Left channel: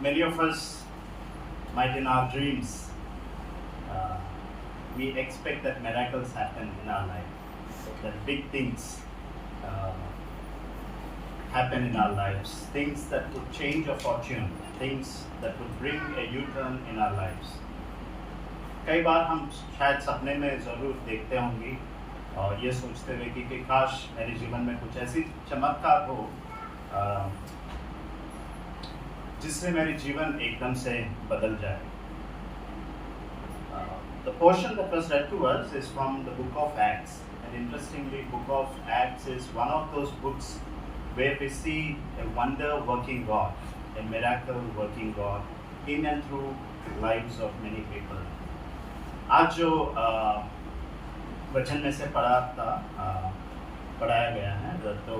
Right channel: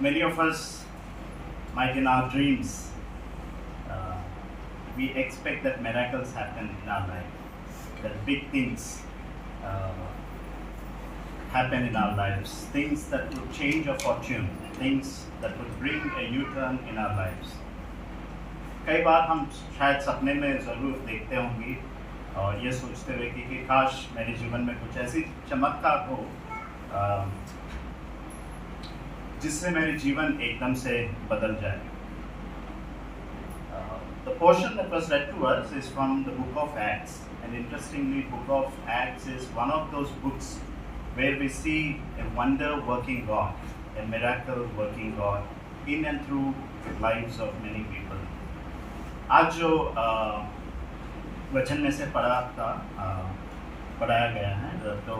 Many of us might in our dreams, uh, we expect that miracles happen in our life, that big things uh, happen in our lives, things that would change our fortune, things that would bring a U-turn in our lives. कई बार हम शायद सपने में ज़रूर देखते होंगे और ये सोचते हुए कि काश मेरे जीवन में कुछ ऐसी चमत्कार हो जिससे मेरे जीवन एकदम से बदल जाए. The portion that was read to us is from the book of Acts, and interestingly, book of Acts is one of those books where we see a wonder-working God, a miracle-working God in and through the lives of many people. आज जो वचन में से पढ़ाया गया है तो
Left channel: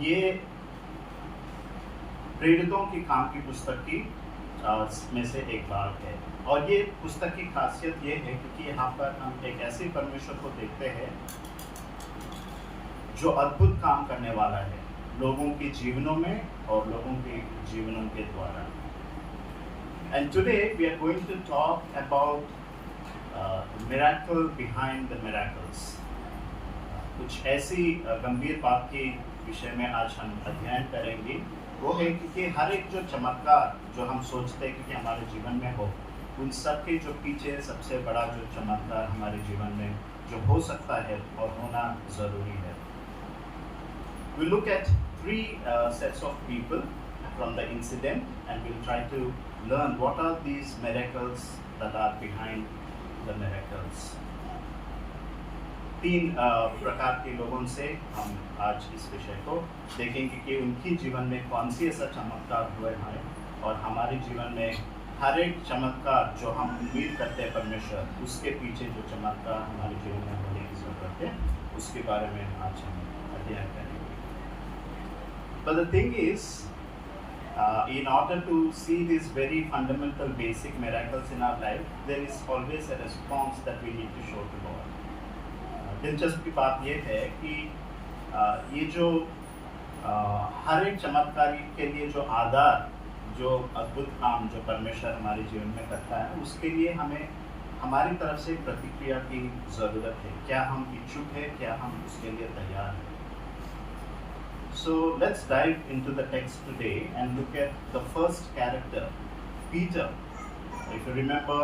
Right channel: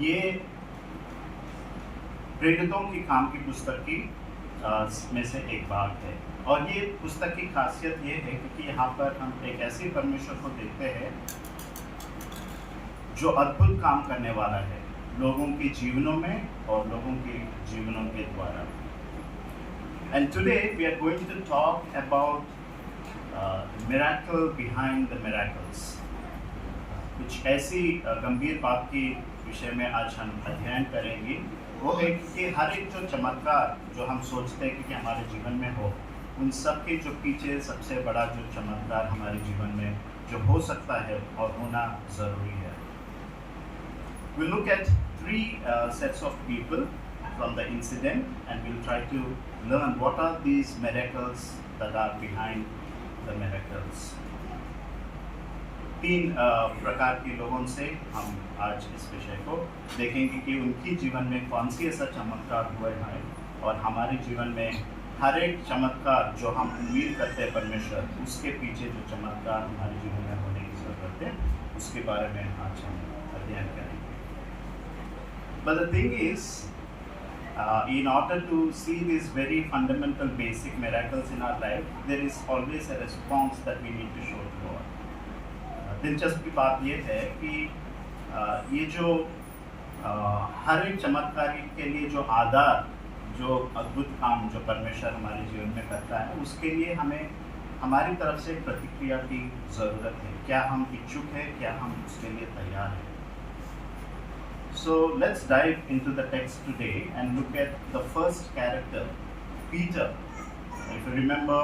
ये प्रेरितों की काम की पुस्तक की में से एक भाग है और ये पुस्तक की खासियत ये है क्योंकि यहाँ पर हम एक ऐसे परमेश्वर को देखते हैं जो अद्भुत काम करने वाला है लोगों के जीवनों में और लोगों के जीवनों के द्वारा. And today we are going to talk about miracle behind the miracles. कुछ ऐसी गंभीर बात के विषय में आज हम अध्ययन करेंगे. वो है कि हर एक जो चमत्कार जो हम सोचते हैं कि हमारे जीवन में हो, उन सब के जो पीछे सबसे बड़ा जो चमत्कार हमारे जीवन में जो हो सकता है और होना ज़रूरी है. We look at three sets of people from the incident and we'll try to learn what are these miracles that are behind the miracles. तीन प्रकार के लोगों से हम आज इस विषय को देखेंगे कि उनकी जीवन में कौन सी ऐसा चमत्कार हुए हैं और हमारे जीवन में हर एक चमत्कार जो हम उम्मीद करते हैं परमेश्वर उसके पीछे जो चमत्कार हमारे जीवन में होने की जरूरत है उसके बारे में आज हम अध्ययन करेंगे. But the thing is, in order to see these very fundamental basic miracles in our life, there is always a response that we need to show to God. दिलचस्प बात ये है कि ये जो हर एक चमत्कार के लिए जो आधार जो अद्भुत काम जो परमेश्वर हमारे जीवन में करता है उसके लिए हमें हमारी तरफ से प्रतिक्रिया की ज़रूरत है. क्या हम इच्छुक हैं, क्या हम उसके लिए तैयार हैं. So let's dive into the text today and look at the first character, Peter. If you remember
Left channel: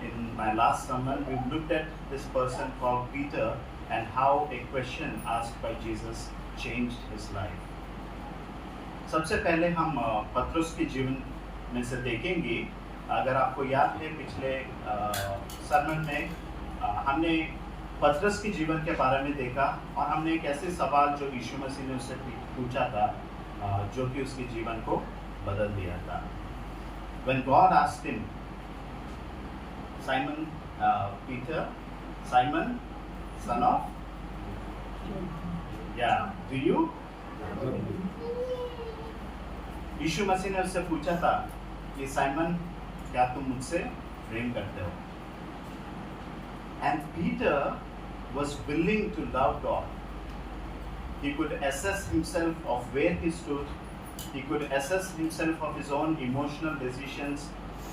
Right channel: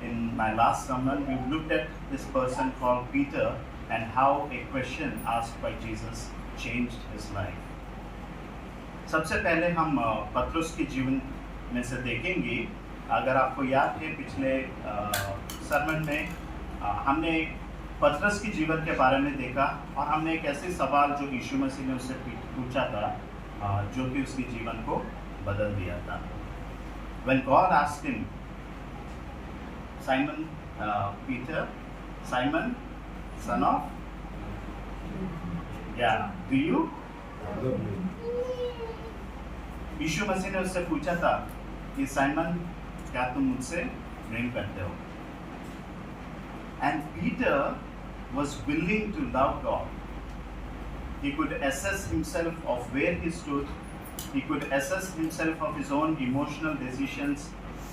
in my last sermon, we looked at this person called Peter and how a question asked by Jesus changed his life. सबसे पहले हम पतरस के जीवन में से देखेंगे. अगर आपको याद है पिछले सरमन में हमने पतरस के जीवन के बारे में देखा और हमने एक ऐसे सवाल जो यीशु मसीह ने उससे पूछा था जो कि उसके जीवन को बदल दिया था. When God asked him, Simon Peter, Simon, son of, yeah, do you? यीशु मसीह ने उससे पूछा था कि साइमन क्या तुम मुझसे प्रेम करते हो? And Peter was willing to love God. He could assess himself of where he stood. He could assess himself of his own emotional decisions.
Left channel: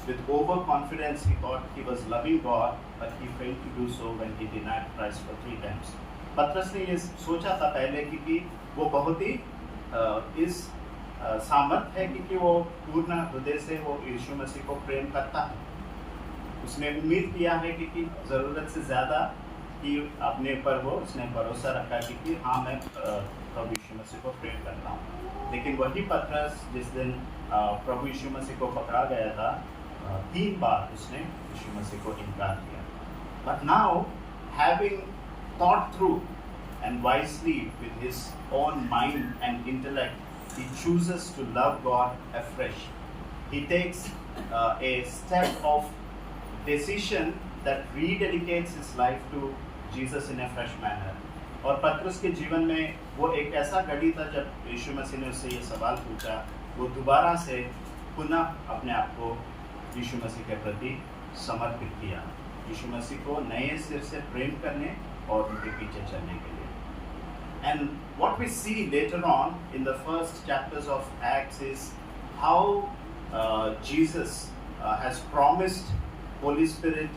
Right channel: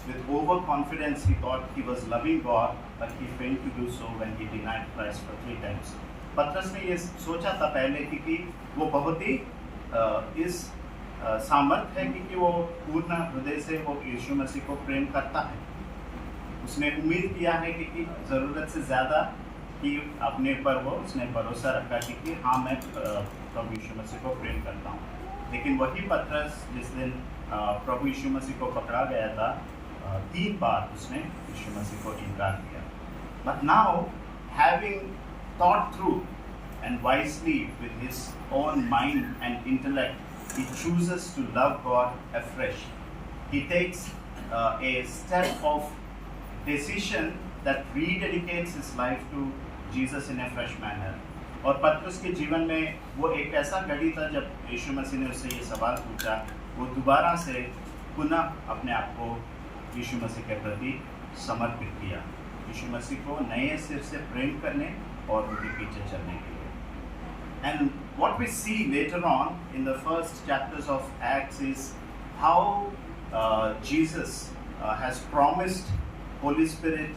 With overconfidence, he thought he was loving God, but he failed to do so when he denied Christ for 3 times. पतरस ने ये सोचा था पहले कि वो बहुत ही इस सामर्थ्य है कि वो पूर्ण हृदय से वो यीशु मसीह को प्रेम करता है. उसने उम्मीद किया है कि ज़रूरत से ज़्यादा कि अपने पर वो उसने भरोसा रखा कि हाँ मैं प्रभु यीशु मसीह को प्रेम करता हूँ. लेकिन वही पतरस जिस दिन प्रभु यीशु मसीह को पकड़ा गया था 3 बार उसने यीशु मसीह को इनकार किया. But now, having thought through and wisely with his own mind and intellect, he chooses to love God afresh. He takes a step of decision that rededicates his life to Jesus in a fresh manner. और पतरस के जीवन में वो एक ऐसा घड़ी था जब यीशु मसीह ने उससे ये सवाल पूछा, वो दोबारा से पुनः अपने आप को यीशु मसीह के प्रति समर्पित किया, यीशु मसीह को नए सिर से प्रेम करने और उनके पीछे चलने के लिए. And what we see later on in the first chapters of Acts is how Jesus has promised Holy Spirit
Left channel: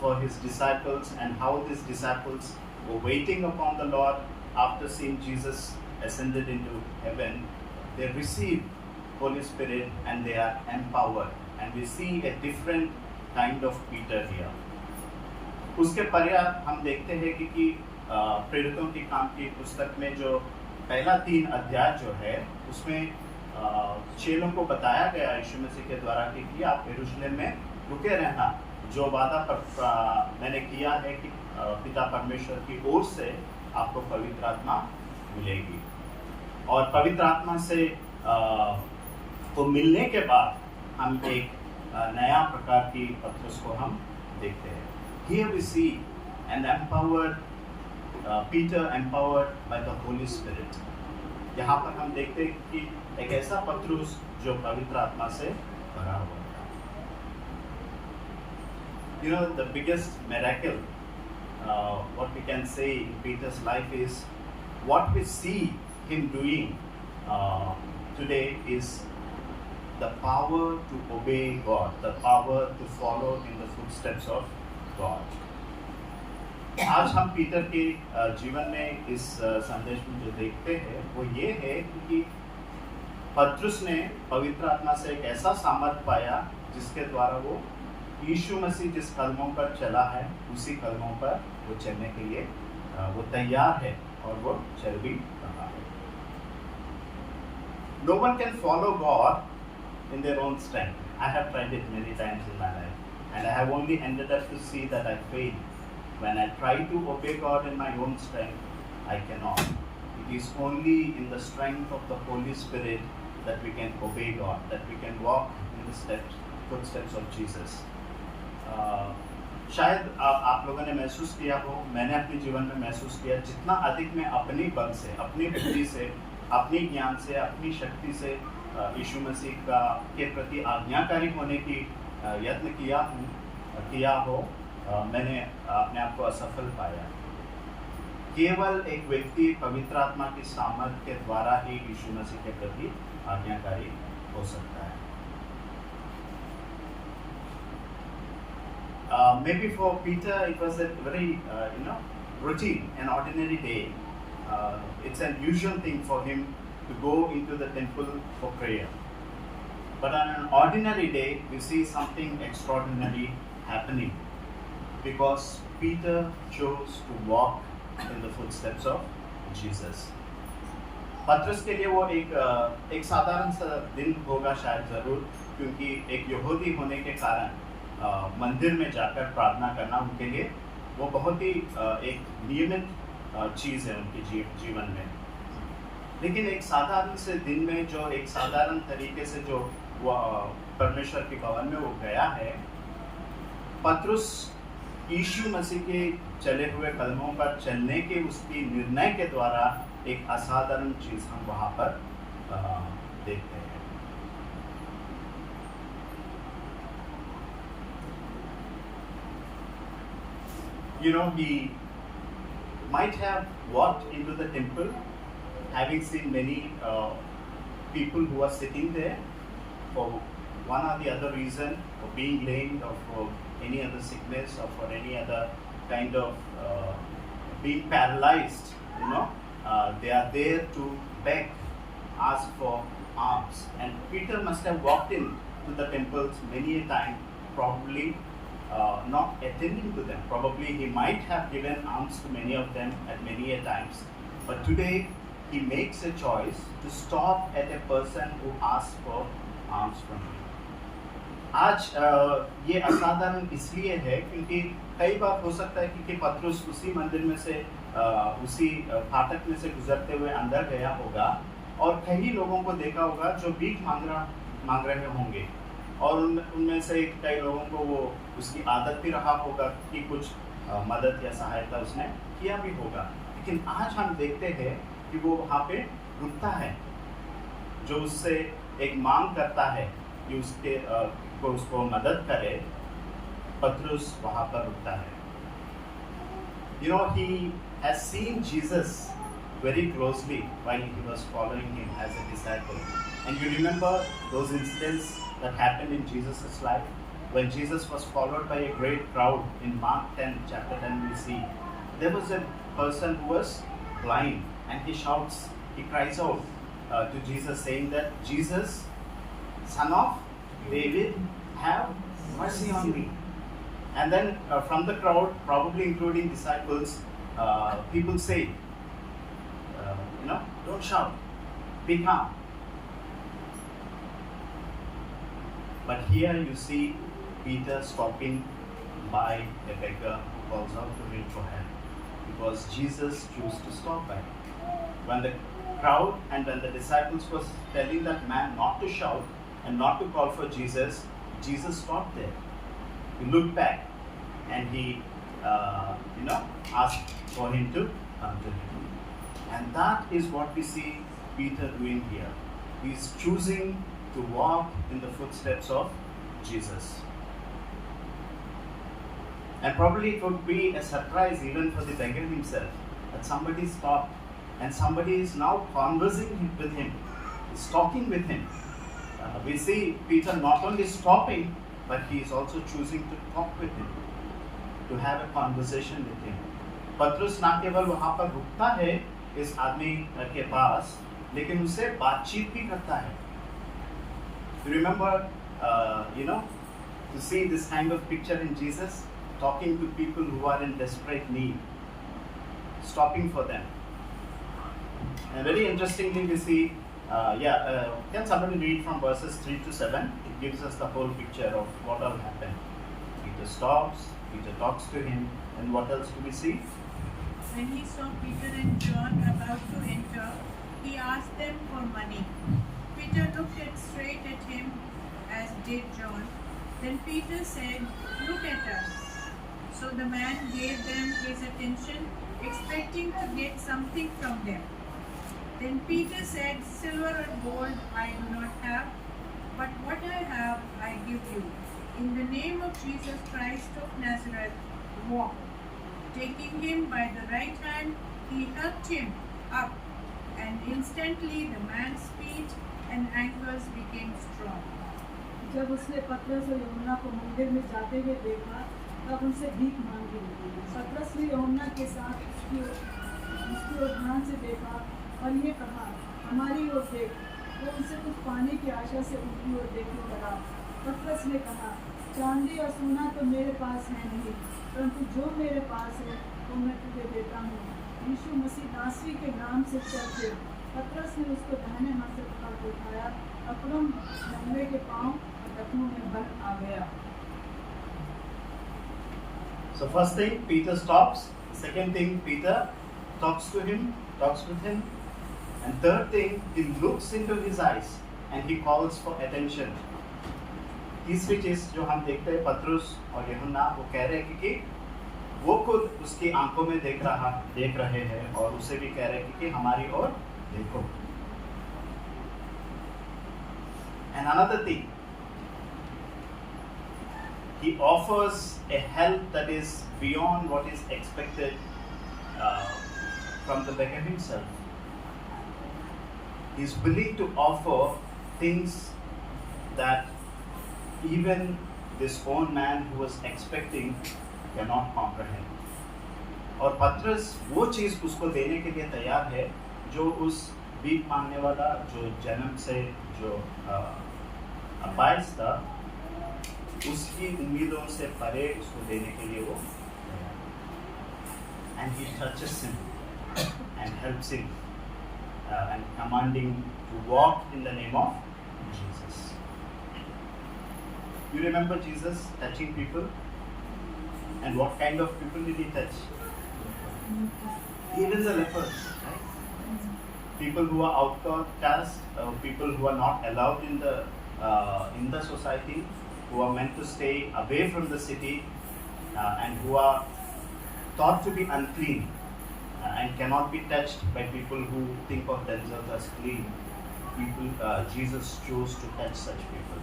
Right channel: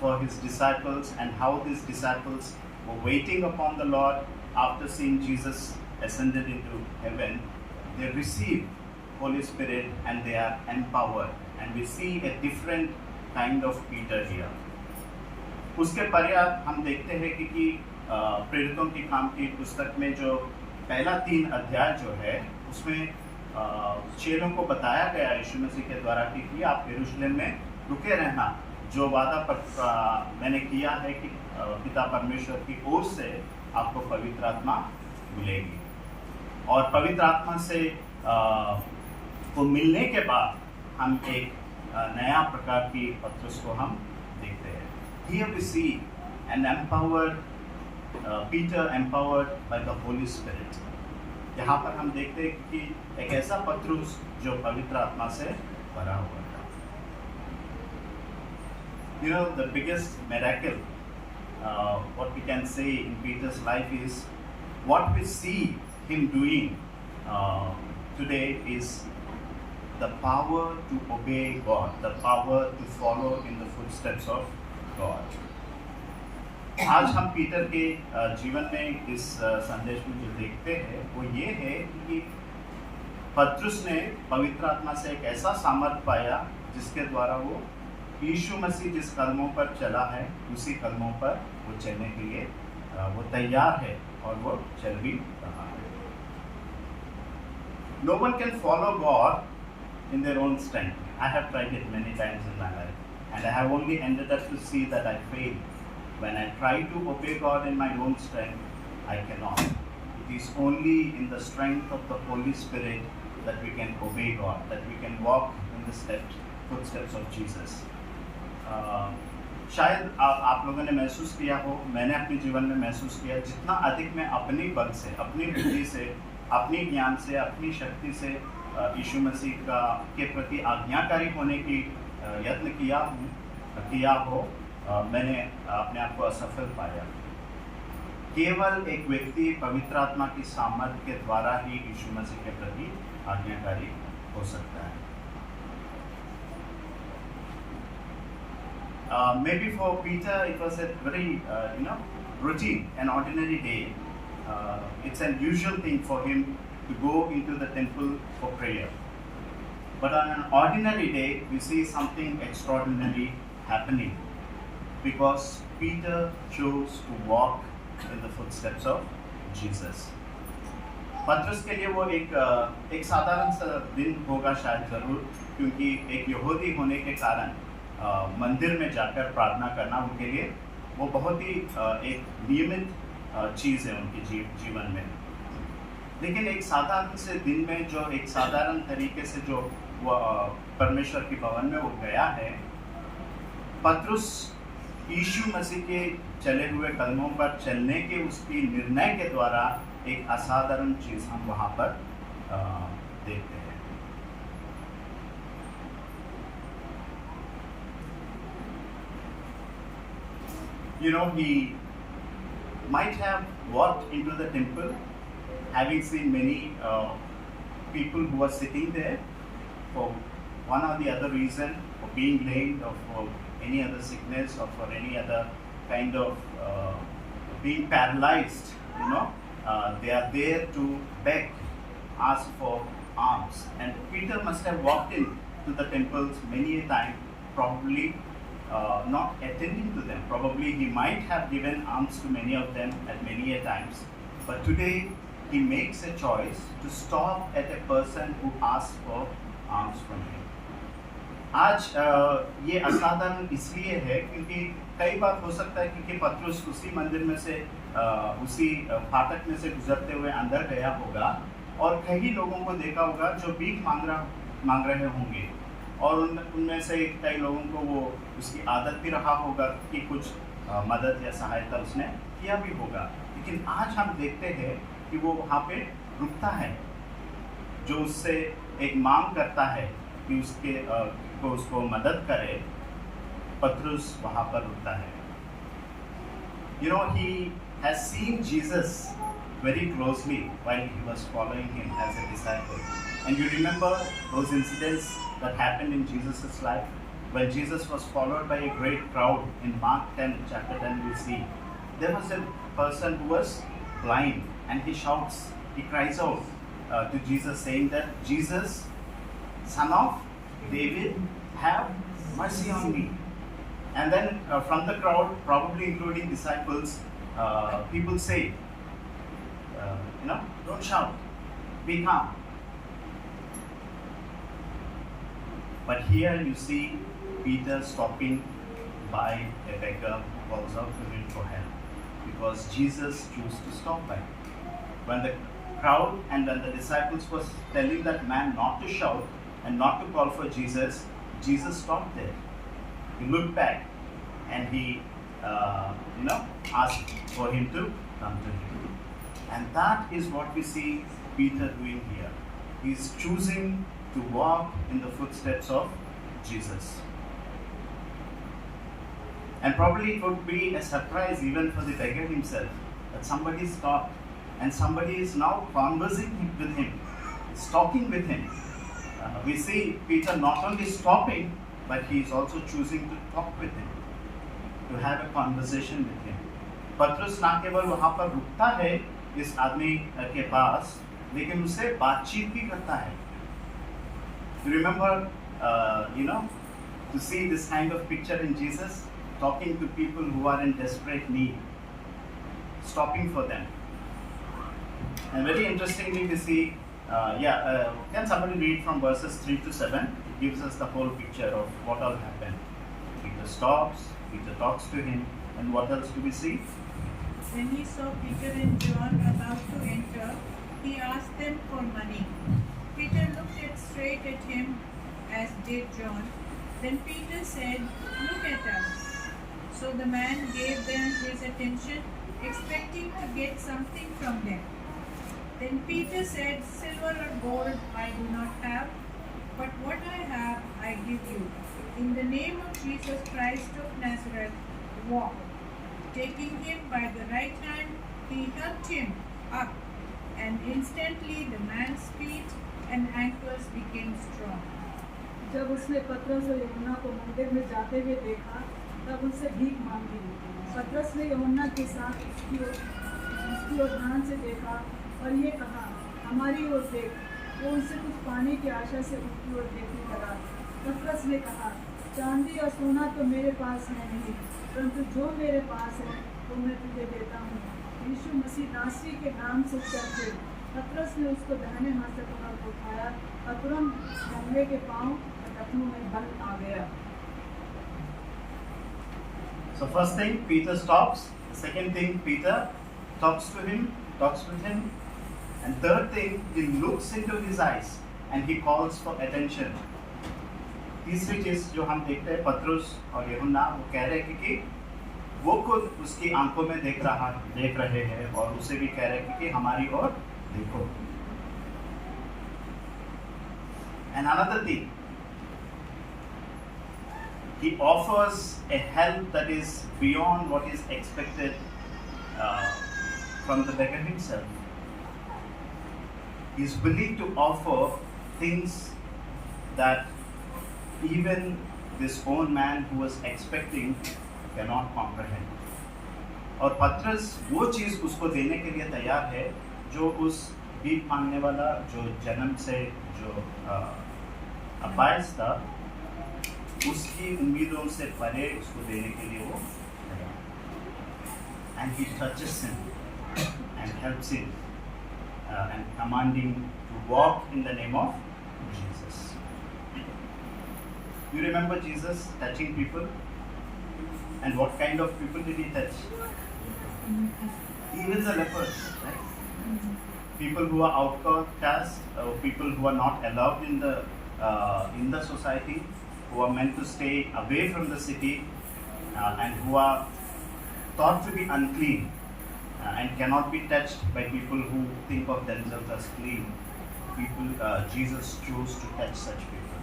for his disciples, and how these disciples were waiting upon the Lord after seeing Jesus ascended into heaven. They receive Holy Spirit and they are empowered, and we see a different kind of Peter here. उसके पर्याप्त हम देखते हैं कि प्रेरितों के काम की पुस्तक में जो पहला 3 अध्याय जो है उसमें चेलों को बताया गया यीशु मसीह के द्वारा कि आप यरूशलेम में रुके रहना, जो वादा पर मैंने किया है कि पिता परमेश्वर की ओर से आपको पवित्र आत्मा मिलेगी। और पवित्र आत्मा से को मिलने के बाद हम एक नया प्रकार की पत्रस को हम देखते हैं। Here we see an empowered Peter empowered by the Holy Spirit. यहाँ पर हम देखते हैं कि एक ऐसा पत्रुस जो पवित्र आत्मा से भरा हुआ है। You know, the biggest miracle, what we can say in Peter's life is what we see him doing today is the power to obey God, the power to follow in the footsteps of God. आज हम Peter के जीवन में इस संदेश में जो देखते हैं वो ये है कि पत्रुस ने पवित्र आत्मा से एक ऐसा सामर्थ पाया जिसके द्वारा वो यीशु मसीह जिस कदमों पर चला है उसी कदमों पर वो चलने के लिए वो तैयार है और वो चल भी रहा है। No one can follow God in their own strength. I have tried it many times in my life, and I have only ended up to see that I failed. When I try to obey God in my own strength, I cannot. It is only in the strength of the Holy Spirit that we can obey God, that we can walk in the footsteps of Jesus. शायद आप लोगों ने महसूस किया हो, मैंने अपने जीवन में महसूस किया, जितना अधिक मैं अपनी बल से, अपनी बुद्धि से, अपनी ज्ञान से, अपनी शक्ति से यीशु मसीह के प्रति आज्ञाकारी होने की यत्न किया हो, मैंने अपने आप को असफल पाया। केवल एक व्यक्ति पवित्र आत्मा की सामर्थ के द्वारा ही यीशु मसीह के प्रति आज्ञाकारी हो सकता है। Maybe for Peter it was a very routine, an ordinary day. It's an usual thing for him to go into the temple for prayer. But on an ordinary day, we see something extraordinary happening because Peter chose to walk in the footsteps of Jesus. पतरस के लिए वो एक साधारण सा दिन होगा शायद जरूर, क्योंकि एक यहूदी होने के कारण मंदिर में जाकर प्रार्थना करना उनके लिए वो बहुत ही एक नियमित चीज़ है उनके जीवन में। लेकिन एक साधारण से दिन में जो एक साधारण तरीके से जो वो परमेश्वर के भवन में वो गया है, पतरस यीशु मसीह के चले हुए कदमों पर चलने के उसकी निर्णय के द्वारा एक असाधारण चीज हम वहां पर देखते हैं। You know, he might have walked into the temple having seen many people who are sitting there for one or the other reason, for being lame or for any other sickness or for any other kind of being paralyzed, they are there to beg, ask for alms. And Peter must have walked in to the temples many a time, probably not attending to them. Probably he might have given alms to many of them at many a times. But today he makes a choice to stop at a person who asks for alms from him. आज ये असाधारण इसलिए है क्योंकि कई बार हो सकता है कि पतरस उसी मंदिर में से उसी फाटक में से गुजरते हुए अंदर गया होगा और कई लोगों को देखा होगा जो भीख मांग रहे होंगे, और उनमें से कई लोगों को वो उसकी आदत भी रहा होगा कि कुछ मदद या सहायता उसने किया भी होगा। लेकिन आज हम देखते हैं कि वो वहाँ पे रुकता है, जो उससे एक मांग करता है कि उसको मदद करे। पतरस वहाँ पर रुकता है। He has seen Jesus very closely while he was following him as a disciple. And you remember those incidents that happened in Jesus' life? When Jesus was followed by a great crowd in Mark 10, chapter 10, we see there was a person who was blind, and he shouts, he cries out to Jesus, saying that, Jesus, son of David, have mercy on me. And then from the crowd, probably including disciples, people say, don't shout, be calm. But here you see Peter stopping by a beggar who calls out to him for help, because Jesus chose to stop by. When the crowd and when the disciples was telling that man not to shout and not to call for Jesus, Jesus stopped there. He looked back and he, asked for him to come to him. And that is what we see Peter doing here. He's choosing to walk in the footsteps of Jesus. And probably it would be a surprise even for the beggar himself that somebody stopped and somebody is now conversing with him, is talking with him. We see Peter not only stopping, but he is also choosing to talk with him, to have a conversation with him. पतरस ना केवल वहाँ पर रुकता है इस आदमी के पास, लेकिन उससे बातचीत भी करता है. You remember, to see this kind of picture in Jesus, talking to people who are in desperate need, stopping for them. And very interestingly, we see, can somebody read from verses 3 to 7? It gives us the whole picture of what all happened. Peter stops, Peter talks to him, and what else do we see? When he saw Peter and John about to enter, he asked them for money. Peter looked straight at him, as did John. Then Peter said, "Look at us." So the man gave them his attention, expecting to get something from them. Then Peter said, "Silver or gold I do not have, but what I have I give you. In the name of Jesus Christ of Nazareth, walk." Taking him by the right hand, he helped him up, and instantly the man's feet and ankles became strong. जब उसने पतरस और यूहन्ना को मंदिर में जाते हुए देखा, तब उनसे भीख मांगी. पतरस ने यूहन्ना के साथ उसकी ओर ध्यान से देखा और ये कहा, हमारी ओर देख. वो उनसे कुछ पाने की आशा से उनकी ओर देखने लगा. पतरस ने कहा, चांदी और सोना तो मेरे पास है नहीं, परंतु जो मेरे पास है वो मैं तुझे देता हूँ. यीशु मसीह नासरी के नाम से चलते. पतरस ने उसको दाहिने हाथ से पकड़ उठाया और तुरंत लंगड़े के पांव और टखनों में बल आ गया. So first thing, Peter stops. Second thing, Peter talks to him, talks with him. And third thing, he looks into his eyes and he calls for attention. तीसरी चीज जो हम देखते हैं, पतरस और यूहन्ना वो कह रहे हैं कि वो खुद उसकी आंखों में देख रहे हैं और उसे भी कह रहे हैं कि हमारी ओर देखो. And another thing, he offers a help that is beyond what is expected from the beggar himself. He is willing to offer things that even this own man who was expecting cannot comprehend. और पतरस वो चीज उसको देने के लिए तैयार है जो उस भीख मांगने वाला, जो जन्म से जो अपाहिज था, उसकी उम्मीदों से परे उसको देने के लिए वो. And he touches him and helps him and commanding to walk in the name of Jesus. You remember Jesus touching people? And what kind of people did he touch? Even the lepers, right? People who are outcast, people who are not allowed in the society, who are meant to stay away from the city, and who are thought to be unclean and cannot be touched by people who think of themselves as clean. Jesus chose to touch such people.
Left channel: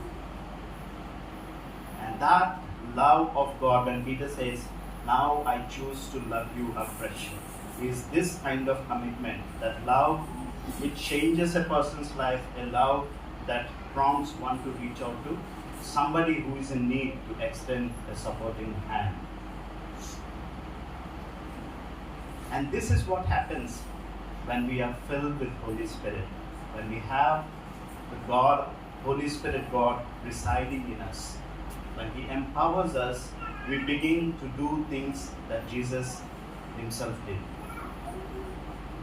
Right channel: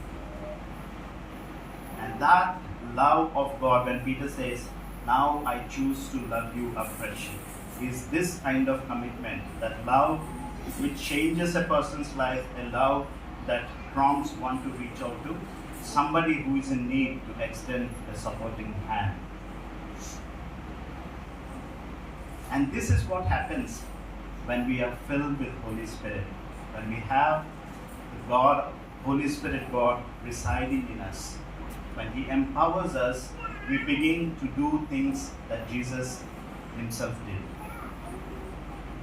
And that love of God, when Peter says, "Now I choose to love you afresh," is this kind of commitment, that love which changes a person's life, a love that prompts one to reach out to somebody who is in need, to extend a supporting hand. And this is what happens when we are filled with Holy Spirit, when we have God, Holy Spirit God residing in us. When He empowers us, we begin to do things that Jesus Himself did.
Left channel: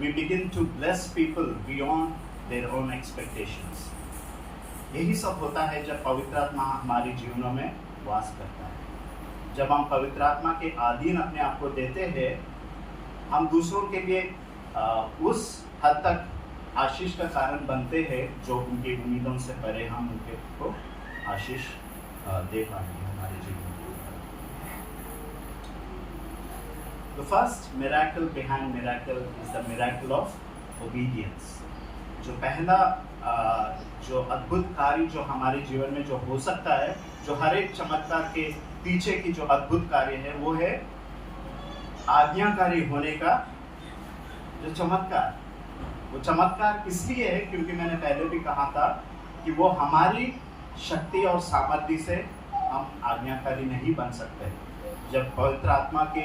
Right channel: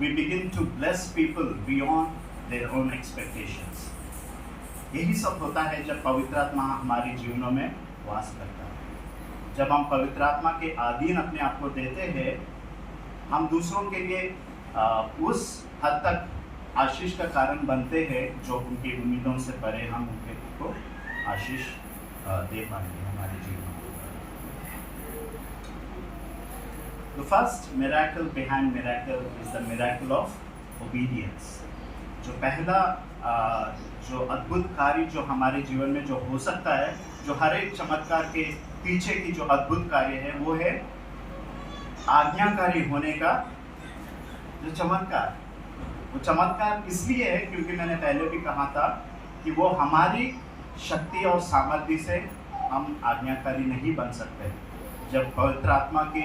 We begin to bless people beyond their own expectations. यही सब होता है जब पवित्र आत्मा हमारे जीवनों में वास करता है। जब हम पवित्र आत्मा के अधीन अपने आप को देते हैं, हम दूसरों के लिए उस हद तक आशीष का कारण बनते हैं जो उनकी उम्मीदों से परे हम उनके को आशीष दे पाएंगे हमारे जीवन में। The first miracle behind miracle is the miracle of obedience. जो पहला जो अद्भुत कार्य जो हमारे जीवन में जो हो सकता है, जो हर एक चमत्कार के पीछे की जो अद्भुत कार्य है, वो है आज्ञाकारी होने का जो चमत्कार। वो चमत्कार इसलिए है क्योंकि मैंने पहले भी कहा था कि वो हमारी शक्ति और सामर्थ्य से हम आज्ञाकारी नहीं बन सकते। जब पवित्र आत्मा के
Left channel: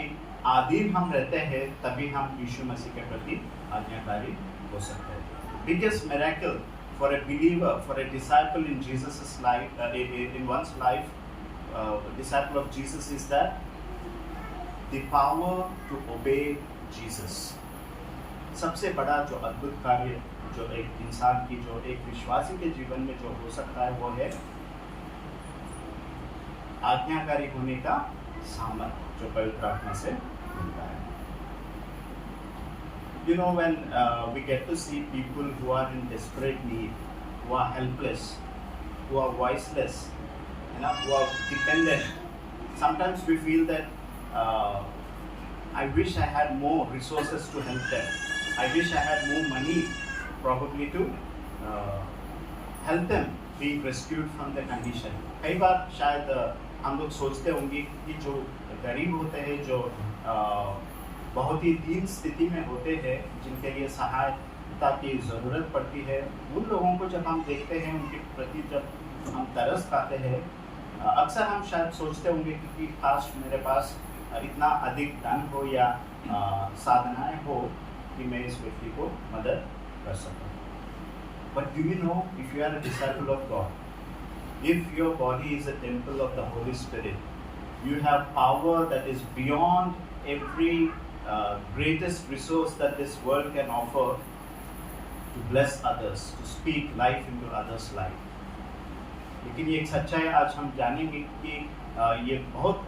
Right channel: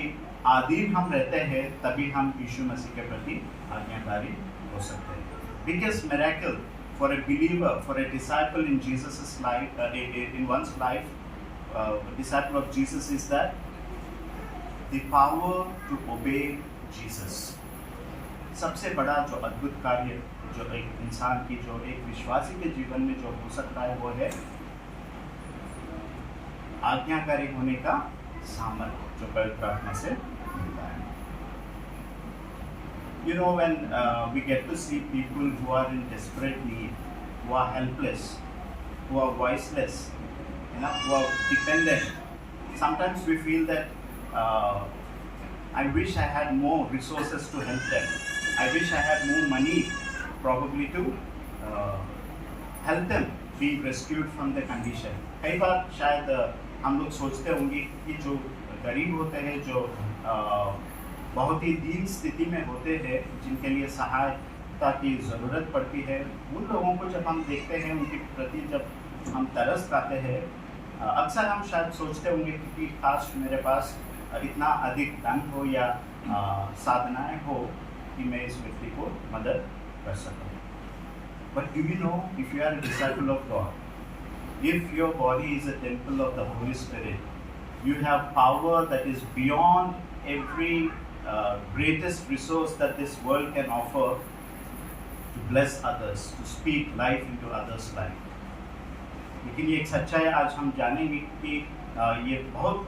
अधीन हम रहते हैं, तभी हम यीशु मसीह के प्रति आज्ञाकारी हो सकते हैं। Biggest miracle for a believer, for a disciple in Jesus' life, in one's life, a disciple of Jesus, is that the power to obey Jesus. सबसे बड़ा जो अद्भुत कार्य जो एक इंसान की, जो एक विश्वासी के जीवन में जो हो सकता है, वो है आज्ञाकारी होने का सामर्थ्य जो पवित्र आत्मा से मिलता है। You know, when we get to see people who are in desperate need, who are helpless, who are voiceless, who are dependent, sometimes we feel that I wish I had more resources to help them. I wish I had more money, probably to help them be rescued from the condition. कई बार शायद हम लोग सोचते होंगे कि जो गरीब होते हैं, जो बहुत ही दीन स्थिति में होते हैं, जिनके लिए सहायता की ज़रूरत पड़ती है, उन लोगों को जब हम देखते हैं, उनके प्रति जब हम तरस खाते हैं, अक्सर हम शायद सोचते होंगे कि काश मेरे पास इतना अधिक धन हो या साधनाएं हो कि मैं इस व्यक्ति को मदद कर सकूं। But do you know, if you are a disciple of God, if your body is a temple of the Holy Spirit, you have power that is beyond every greatest resource that this world can offer to bless others, to speak life into others' life. लेकिन ये एक सच्चाई आज हम जानेंगे कि ये बहुत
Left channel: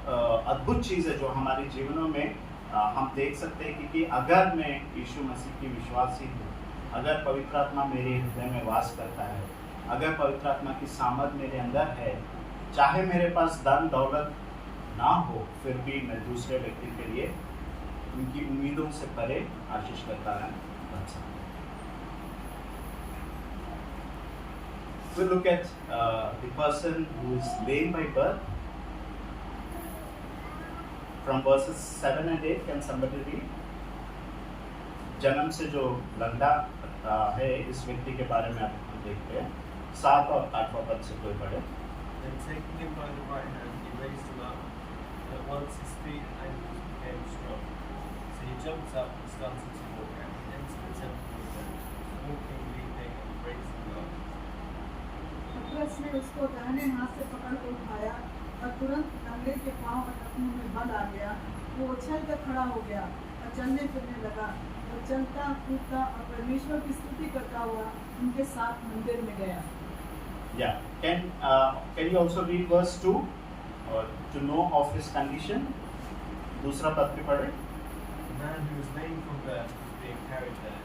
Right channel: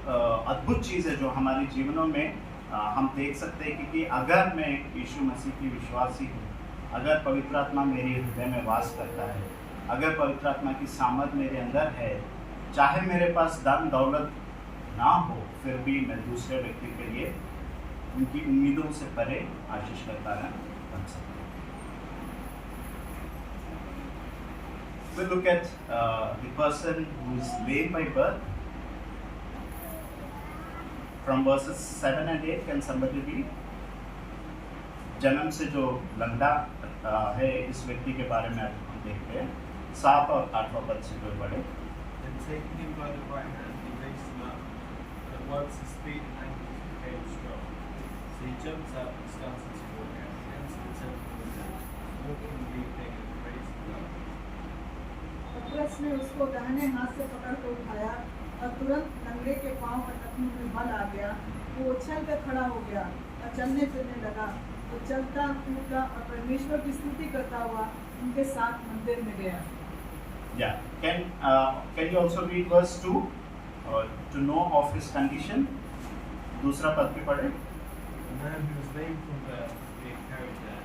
अद्भुत चीज़ है जो हमारे जीवनों में हम देख सकते हैं कि अगर मैं यीशु मसीह की विश्वासी हूँ, अगर पवित्र आत्मा मेरे हृदय में वास करता है, अगर पवित्र आत्मा की सामर्थ मेरे अंदर है, चाहे मेरे पास धन दौलत ना हो, फिर भी मैं दूसरे व्यक्ति के लिए उनकी उम्मीदों से परे आशीष का कारण बन सकता हूँ। So look at the person who is lame by birth. From verses 7 and 8, can somebody read? जन्म से जो लंगड़ा है, इस व्यक्ति के बारे में हम देखते हैं। 7 और 8वां पद से कोई पढ़े। And taking him by the right hand, he raised him up. At once his feet and ankles became strong. So he jumped up and started to walk, and he entered the temple with them, walking, leaping, and praising God. पतरस ने उसको दाहिने हाथ से पकड़ कर उठाया और तुरंत लंगड़े के पांव और टखनों में बल आ गया। वो उछल कर खड़ा हो गया और चलने फिरने लगा और चलता कूदता और परमेश्वर की स्तुति करता हुआ उनके साथ मंदिर में गया। Yeah. Can you also read verse 2 to know of his condition? दूसरा पद भी पढ़े। The man who was lame from birth was being carried there.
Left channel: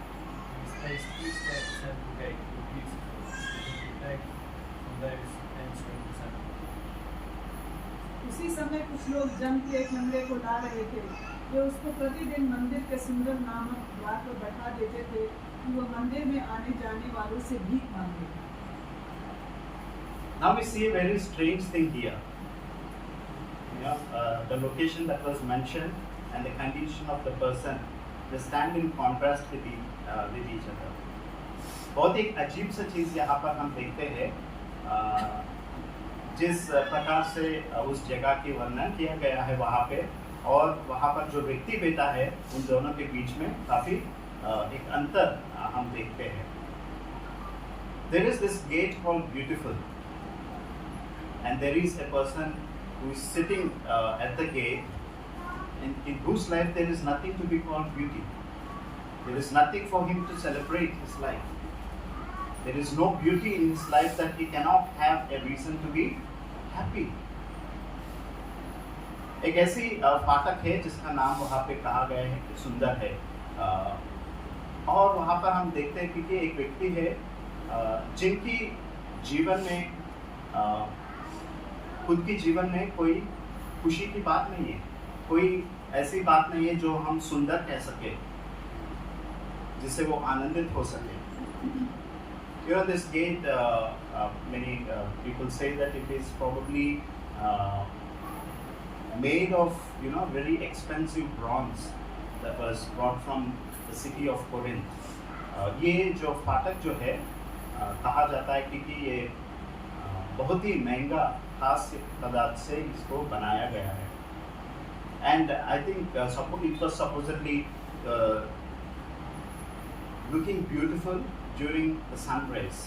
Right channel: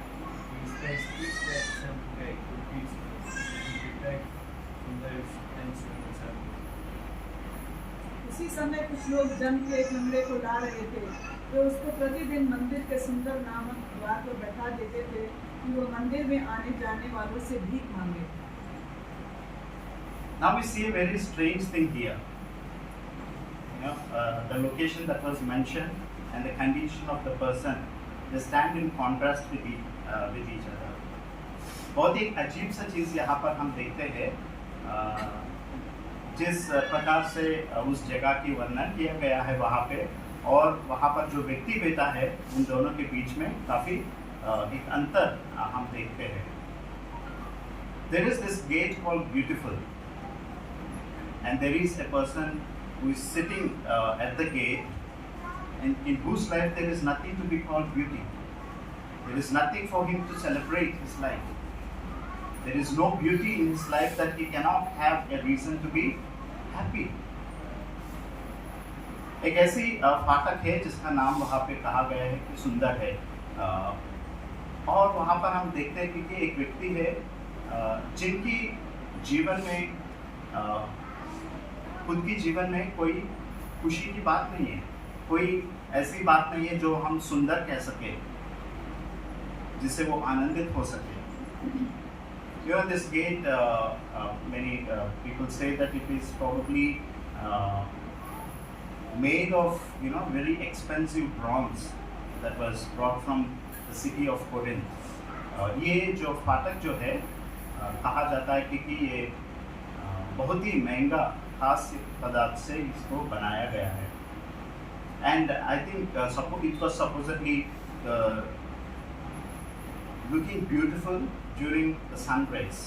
He was placed each day at the temple gate called Beautiful, so he could beg from those entering the temple. उसी समय कुछ लोग जम के एक लंगड़े को ला रहे थे, वे उसको प्रतिदिन मंदिर के सुंदर नामक द्वार पर बैठा देते थे कि वो मंदिर में आने जाने वालों से भीख मांगे। Now we see a very strange thing here. The location that was mentioned and the condition of the person they stand in contrast with each other. बहुत एक अजीब सा चीज़ यहाँ पर हम देखते हैं, जिस प्रकार से उस जगह की वर्णन किया गया है वहाँ पे, और वहाँ पर जो व्यक्ति बैठा है उन दोनों के बीच में काफ़ी एक अंतर हम देखते हैं. There is this gate called Beautiful, and there is a person who is sitting at the gate, in whose life there is nothing to be called beauty. There is nothing for him to celebrate his life. There is no beauty in his life that he cannot have a reason to be happy. एक ऐसी फाटक है जिसका नाम वहाँ पे कहा गया है कि सुंदर है, और वहाँ पर हम देखते हैं कि एक व्यक्ति है जिनकी जीवन में खुद की जीवन में कोई खुशी की बात नहीं है, कोई ऐसी बात नहीं है जो हम सुंदर कह सके, जिससे वो आनंदित हो सके. You know, this gate, many people say that it is probably made of, you know, very expensive bronze that was brought from the city of Corinth. ये जो फाटक जो है कहा जाता है कि ये बहुत ही महंगा खास पदार्थ से इसको बनाया गया है. And I think it was supposedly looking beautiful during the sunrise.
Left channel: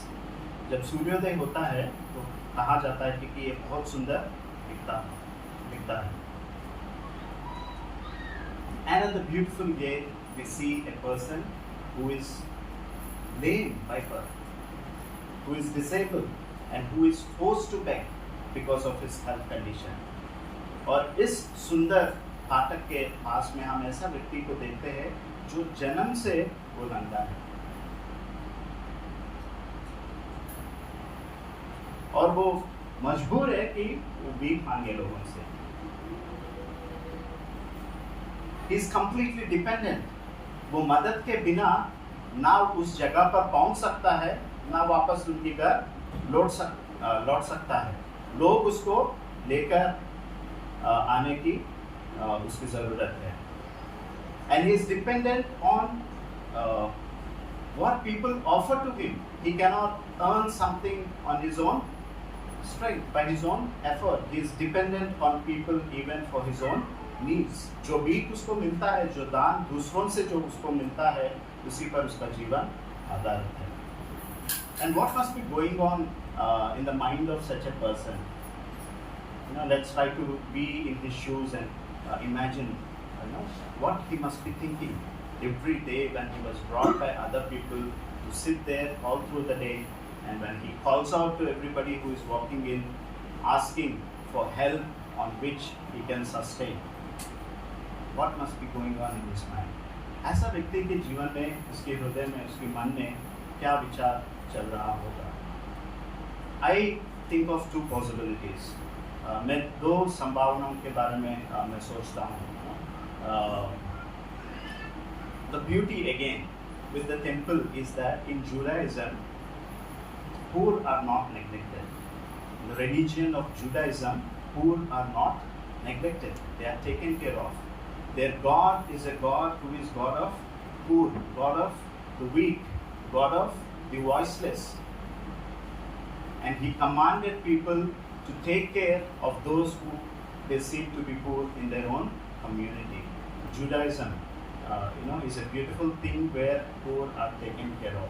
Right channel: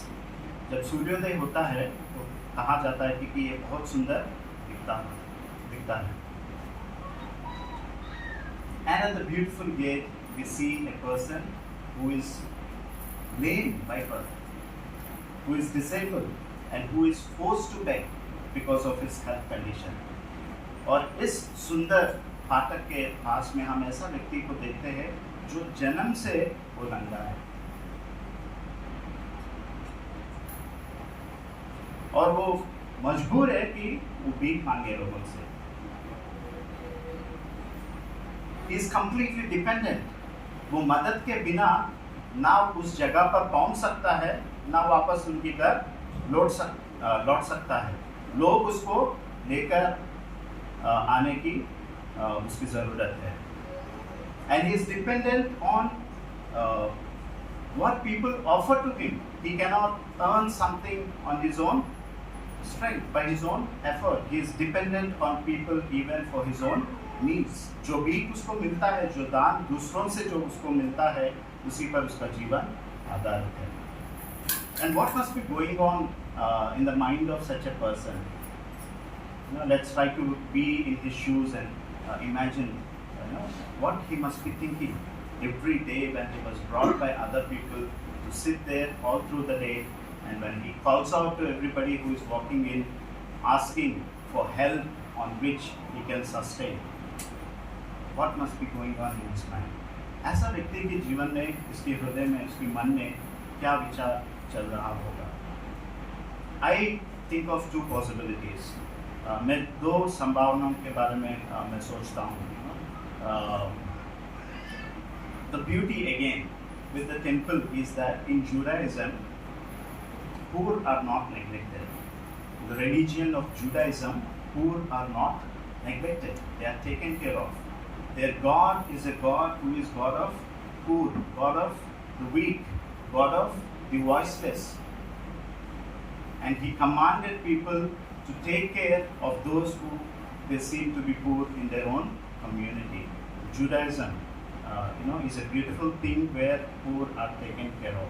जब सूर्योदय होता है तो कहा जाता है कि ये बहुत सुंदर दिखता है. And at the beautiful gate we see a person who is lame by birth, who is disabled, and who is forced to beg because of his health condition. और इस सुंदर फाटक के पास में हम ऐसा व्यक्ति को देखते हैं जो जन्म से वो नंगा है, और वो मजबूर है कि वो भीख मांगे लोगों से. He is completely dependent. वो मदद के बिना ना उस जगह पर पहुंच सकता है, ना वापस उनकी घर लौट सकता है. लोग उसको लेकर आने की उसकी ज़रूरत है. And he is dependent on what people offer to him. He cannot earn something on his own strength, by his own effort. He is dependent on people even for his own needs. जो भी उसको मिलता है, जो दान दूसरों से जो उसको मिलता है, उसी पर उसका जीवन आधारित है. And what must be going on in the mind of such a person? You know, let's try to be in his shoes and imagine, you know, what he must be thinking every day when he was brought by other people to sit there all through the day, and when he calls out to everybody who is walking in, asking for help on which he can sustain. What must be going on in his mind? ऐसा व्यक्ति के जीवन में, उसके हृदय में, उसके मन में क्या विचार चल रहा होगा? I think of two possibilities. मैं दो संभावनाओं के बारे में मैं सोचता हूँ. The beauty again with the temple is that in Judaism, poor are not neglected. The religion of Judaism, poor are not neglected. They are taken care of. Their God is a God who is God of poor, God of the weak, God of the voiceless. And He commanded people to take care of those who they seem to be poor in their own community. Judaism, is a beautiful thing where poor are taken care of.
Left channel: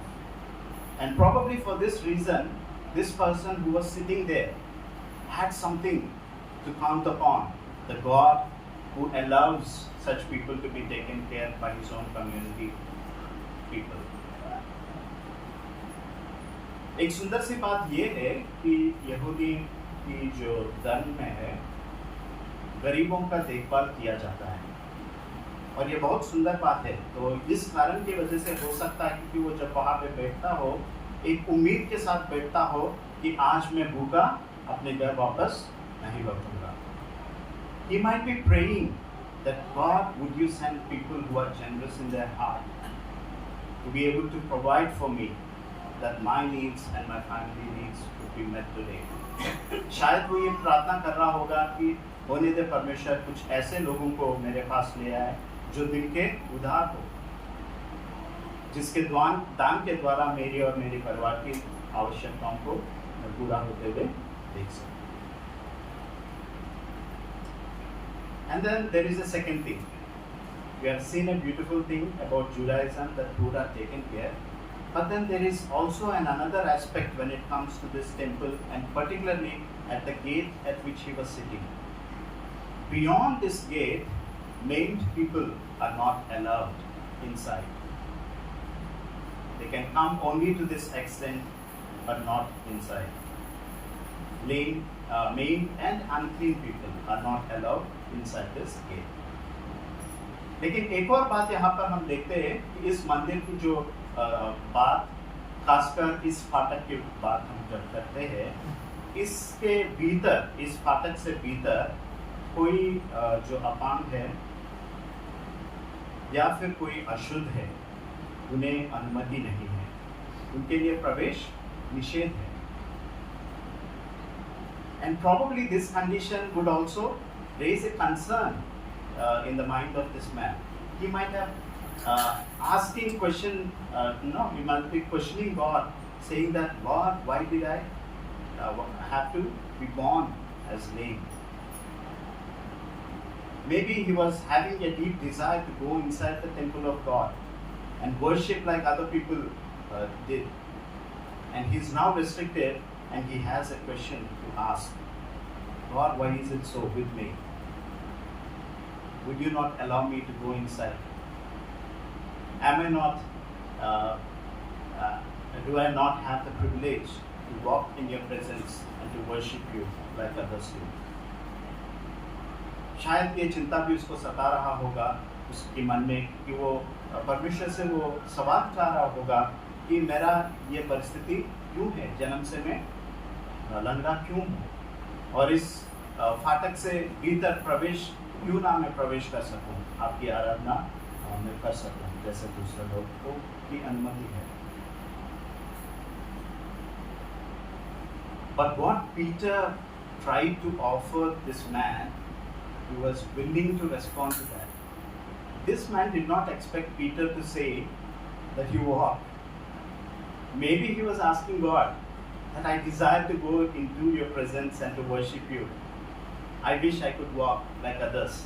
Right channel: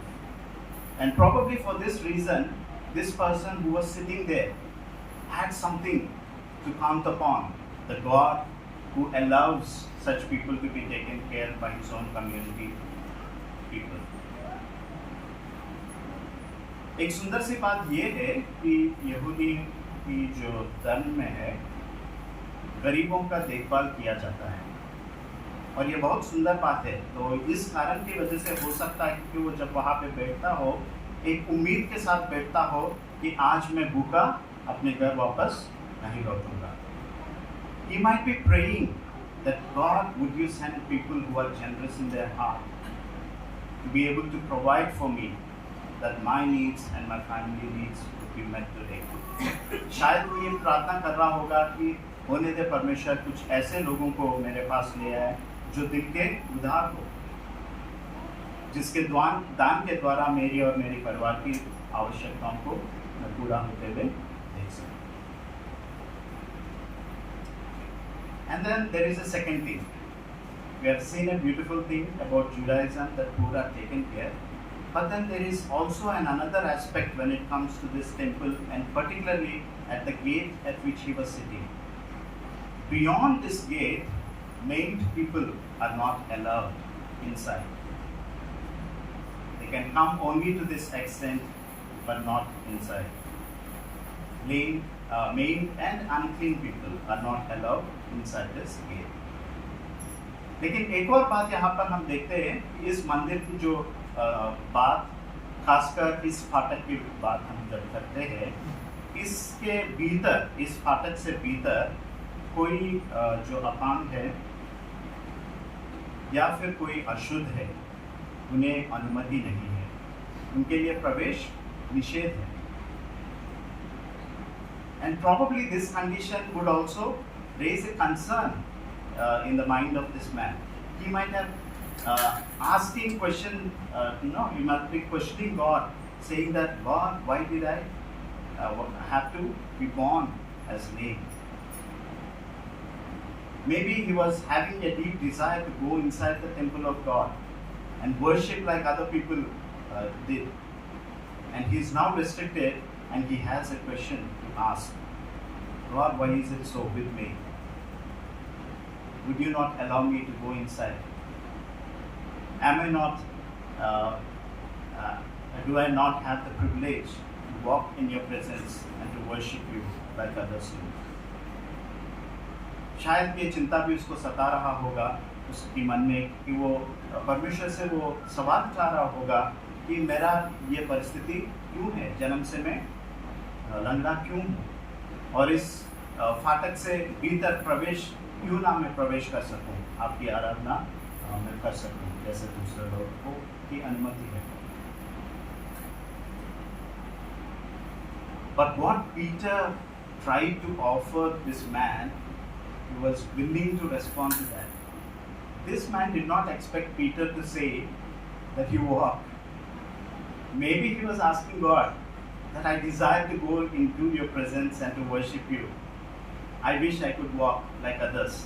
And probably for this reason, this person who was sitting there had something to count upon, the God who allows such people to be taken care by His own community people. एक सुंदर सी बात ये है कि यहूदी की जो धर्म में है, गरीबों का देखभाल किया जाता है, और ये बहुत सुंदर बात है. तो इस कारण की वजह से हो सकता है कि वो जब वहाँ पे बैठता हो, एक उम्मीद के साथ बैठता हो कि आज मैं भूखा अपने घर वापस नहीं लौटूंगा. He might be praying that God would you send people who are generous in their heart to be able to provide for me, that my needs and my family needs would be met today. शायद वो ये प्रार्थना कर रहा होगा कि होने दे परमेश्वर कुछ ऐसे लोगों को मेरे पास ले आए जो दिल के उदार हो, जिसके दान के द्वारा मेरी और मेरे परिवार की आवश्यकताओं को पूरा होते हुए देख सकूं. And then there is a second thing. We have seen a beautiful thing about Judaism that food are taken care. But then there is also another aspect when it comes to this temple, and particularly at the gate at which he was sitting. Beyond this gate, maimed people are not allowed inside. They can come only to this extent, but not inside. Lame, maimed and unclean people are not allowed inside this gate. लेकिन एक और बात यहाँ पर हम देखते हैं कि इस मंदिर की जो बात, खासकर इस फाटक की बात हम जब करते हैं, इसके भीतर, इस फाटक से भीतर कोई जो अपांग है या फिर कोई अशुद्ध है, उन्हें अनुमति नहीं है, उनके लिए प्रवेश निषेध है. And probably this condition would also raise a concern in the mind of this man. He might have asking question, he might be questioning God, saying that, God, why did I have to be born as lame? Maybe he was having a deep desire to go inside the temple of God and worship like other people did. And he is now restricted, and he has a question to ask. God, why is it so with me? Would you not allow me to go inside? Am I not, do I not have the privilege to walk in your presence and to worship you like others do? शायद ये चिंता भी उसको सता रहा होगा उसके मन में कि वो परमेश्वर से वो सवाल उठा रहा होगा कि मेरा ये परिस्थिति क्यों है, जन्म से मैं लंगड़ा क्यों हूँ, और इस फाटक से भीतर प्रवेश क्यों ना मैं प्रवेश कर सकूं, आपकी आराधना मैं कर सकूं जैसे दूसरे लोग को की अनुमति है. But what Peter tried to offer this man, he was willing to respond to that. This man did not expect Peter to say that he walked. Maybe he was asking God that I desire to go into your presence and to worship you. I wish I could walk like others.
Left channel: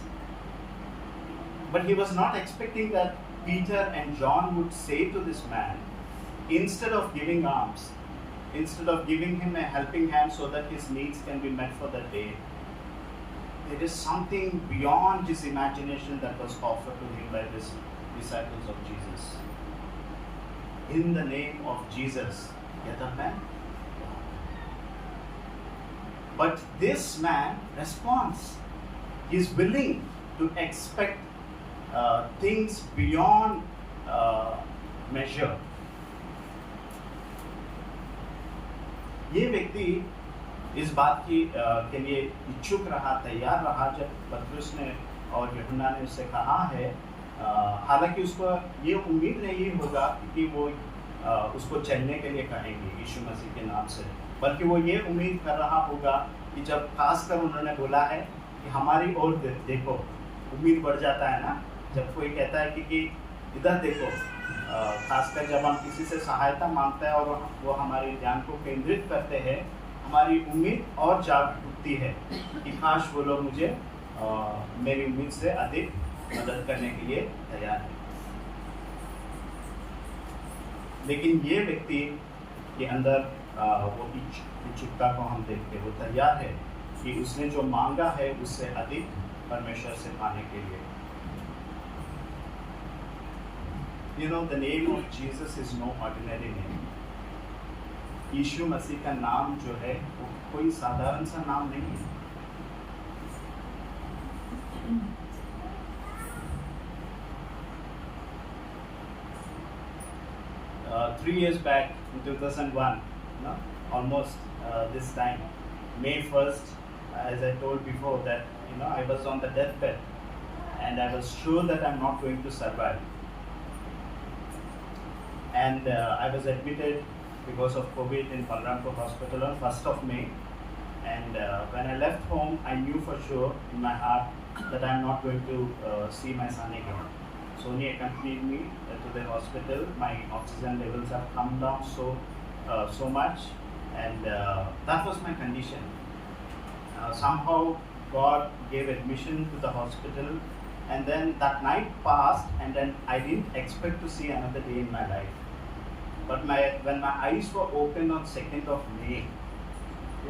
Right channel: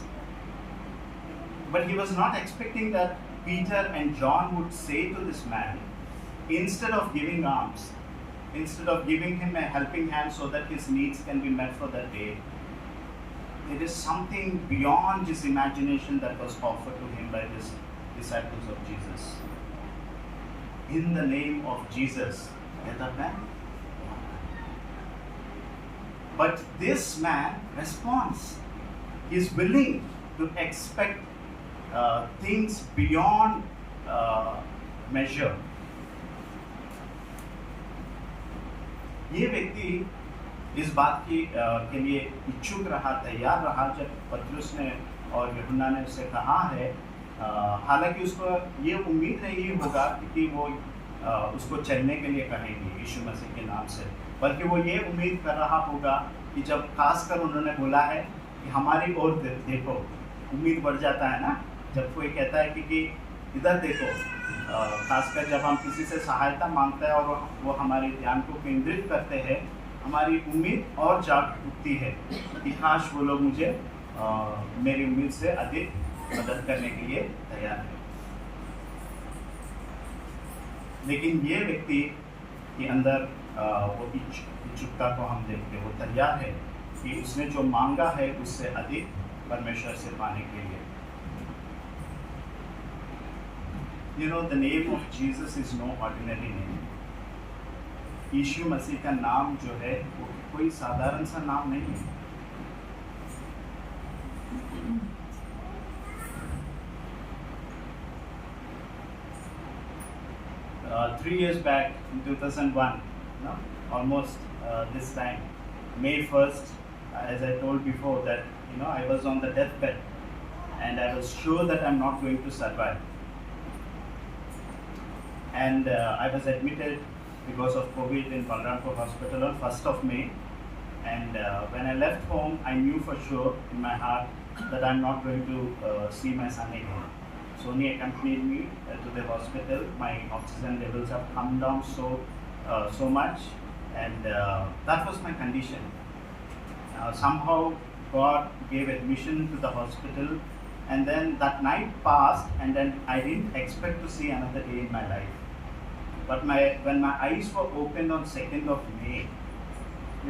But he was not expecting that Peter and John would say to this man, instead of giving alms, instead of giving him a helping hand so that his needs can be met for that day, there is something beyond his imagination that was offered to him by the disciples of Jesus. In the name of Jesus, get that man? But this man responds. He is willing to expect things beyond measure. ये व्यक्ति इस बात की के लिए इच्छुक रहा, तैयार रहा जब पतरस ने और यूहन्ना ने उससे कहा है, हालांकि उसको ये उम्मीद नहीं होगा कि वो उसको चलने के लिए कहेंगे यीशु मसीह के नाम से, बल्कि वो ये उम्मीद कर रहा होगा कि जब खासकर उन्होंने बोला है कि हमारी ओर देखो, उम्मीद बढ़ जाता है ना जब कोई कहता है कि इधर देखो, खासकर जब हम किसी से सहायता मांगते हैं और वो हमारे ध्यान को केंद्रित करते हैं, हमारी उम्मीद और जाग उठती है कि काश वो लोग मुझे मेरी उम्मीद से अधिक मदद करने के लिए तैयार है. लेकिन ये व्यक्ति के अंदर वो इच्छुकता को हम देखते हैं, वो तैयार है कि उसने जो मांगा है उससे अधिक परमेश्वर से पाने के लिए. You know, the name of Jesus is no ordinary name. यीशु मसीह का नाम जो है वो कोई साधारण सा नाम नहीं है. Three years back in 2001, no, almost this time, May 1st, as I told before that I was on the deathbed and I was sure that I'm not going to survive. And I was admitted because of COVID in Balrampur Hospital on 1st of May. And when I left home, I knew for sure in my heart that I'm not going to see my son again. Sony accompanied me to the hospital. My oxygen levels have come down so much, and that was my condition. Somehow God gave admission to the hospital, and then that night passed, and then I didn't expect to see another day in my life. But when my eyes were opened on 2nd of May,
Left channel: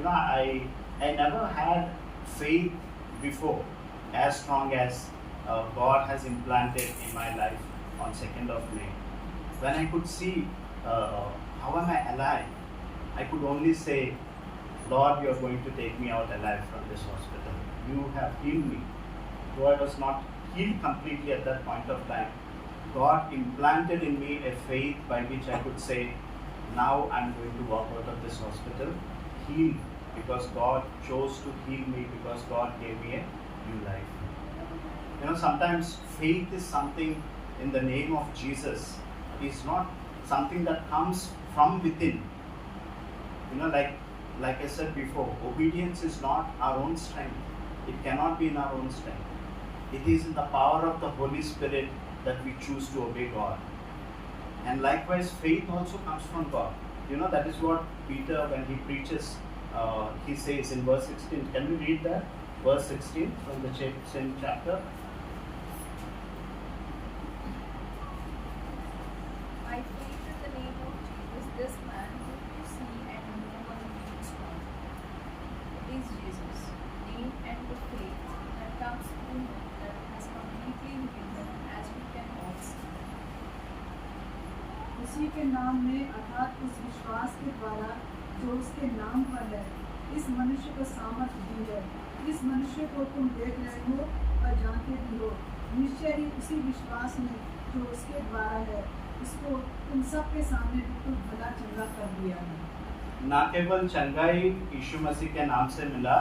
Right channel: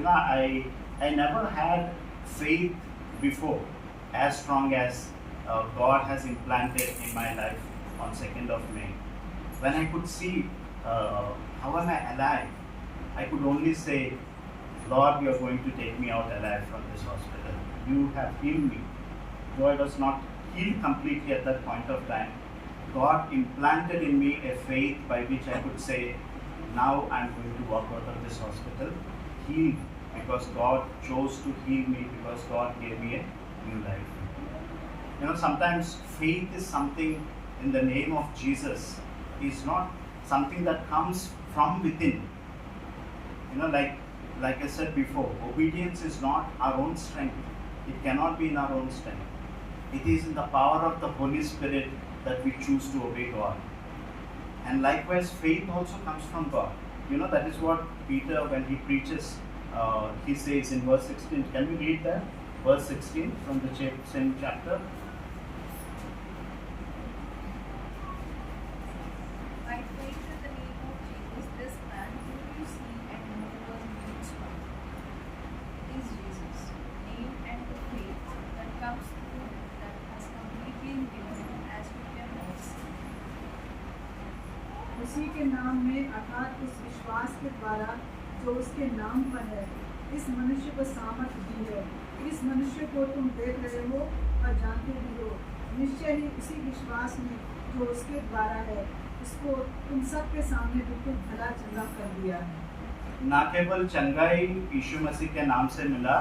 I never had faith before as strong as God has implanted in my life on 2nd of May. When I could see how am I alive, I could only say, Lord, you are going to take me out alive from this hospital. You have healed me. Though I was not healed completely at that point of time, God implanted in me a faith by which I could say, now I'm going to walk out of this hospital healed, because God chose to heal me, because God gave me a new life. Sometimes faith is something in the name of Jesus. It's not something that comes from within. Like I said before, obedience is not our own strength. It cannot be in our own strength. It is in the power of the Holy Spirit that we choose to obey God. And likewise, faith also comes from God. That is what Peter, when he preaches, he says in verse 16. Can we read that? Verse 16 from the same chapter. By faith in the name of Jesus, this man whom you see and know was made strong. Is Jesus, name and the faith that comes through that has completely healed him, as we can all see. उसी के नाम में अर्थात उस विश्वास के द्वारा जो उसके नाम पर है, इस मनुष्य को सामर्थ्य दी है। इस मनुष्य को तुम देख रहे हो और जानते भी हो। निश्चय ही उसी विश्वास में जो उसके द्वारा है, उसको तुम सबके सामने बिल्कुल भला चंगा कर दिया है। ना केवल चंगाई यीशु मसीह के नाम से मिला,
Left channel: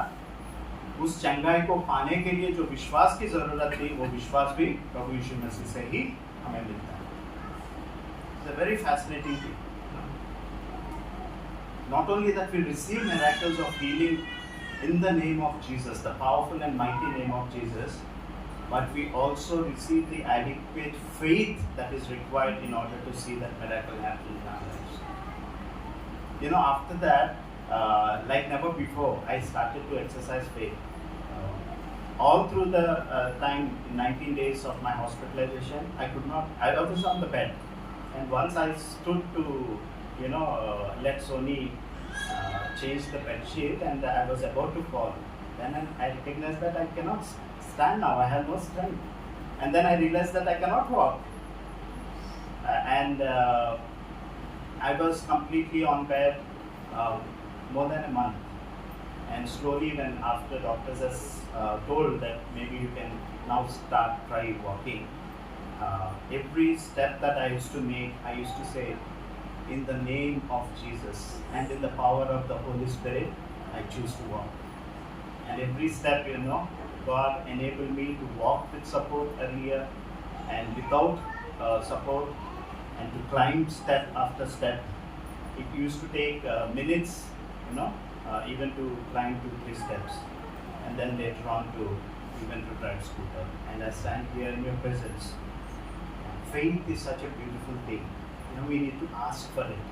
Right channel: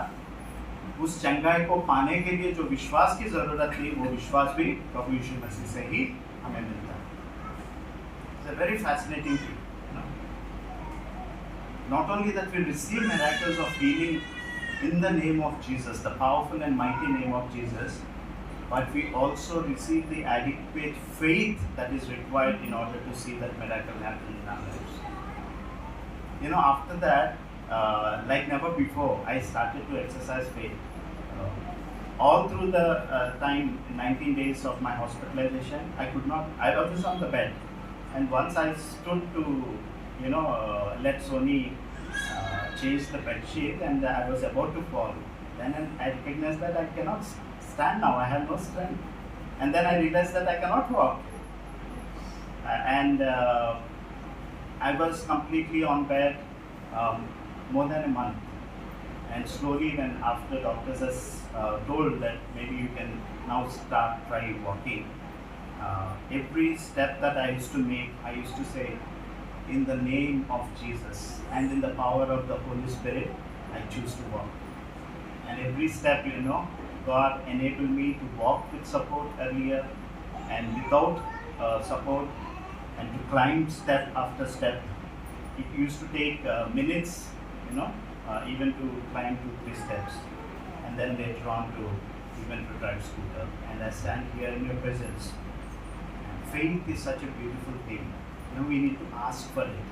उस चंगाई को पाने के लिए जो विश्वास की जरूरत थी, वो विश्वास भी प्रभु यीशु मसीह से ही हमें मिलता है। It's a very fascinating thing. Not only that we receive miracles of healing in the name of Jesus, the powerful and mighty name of Jesus, but we also receive the adequate faith that is required in order to see that miracle happen in our lives. After that, like never before, I started to exercise faith. All through the time, 19 days of my hospitalization, I was on the bed. And once I stood to, let Sony change the bed sheet, and I was about to fall. Then I recognized that I cannot stand now, I have no strength. And then I realized that I cannot walk. And I was completely on bed more than a month. And slowly, when after doctors has told that maybe you can now try walking, every step that I used to make, I used to say, in the name of Jesus and in the power of the Holy Spirit, I choose to walk. And every step, God enabled me to walk with support earlier and without support, and to climb step after step. It used to take minutes, even to climb 2-3 steps, and then later on to even to drive scooter. And I stand here in your presence. And faith is such a beautiful thing. We need to ask for it.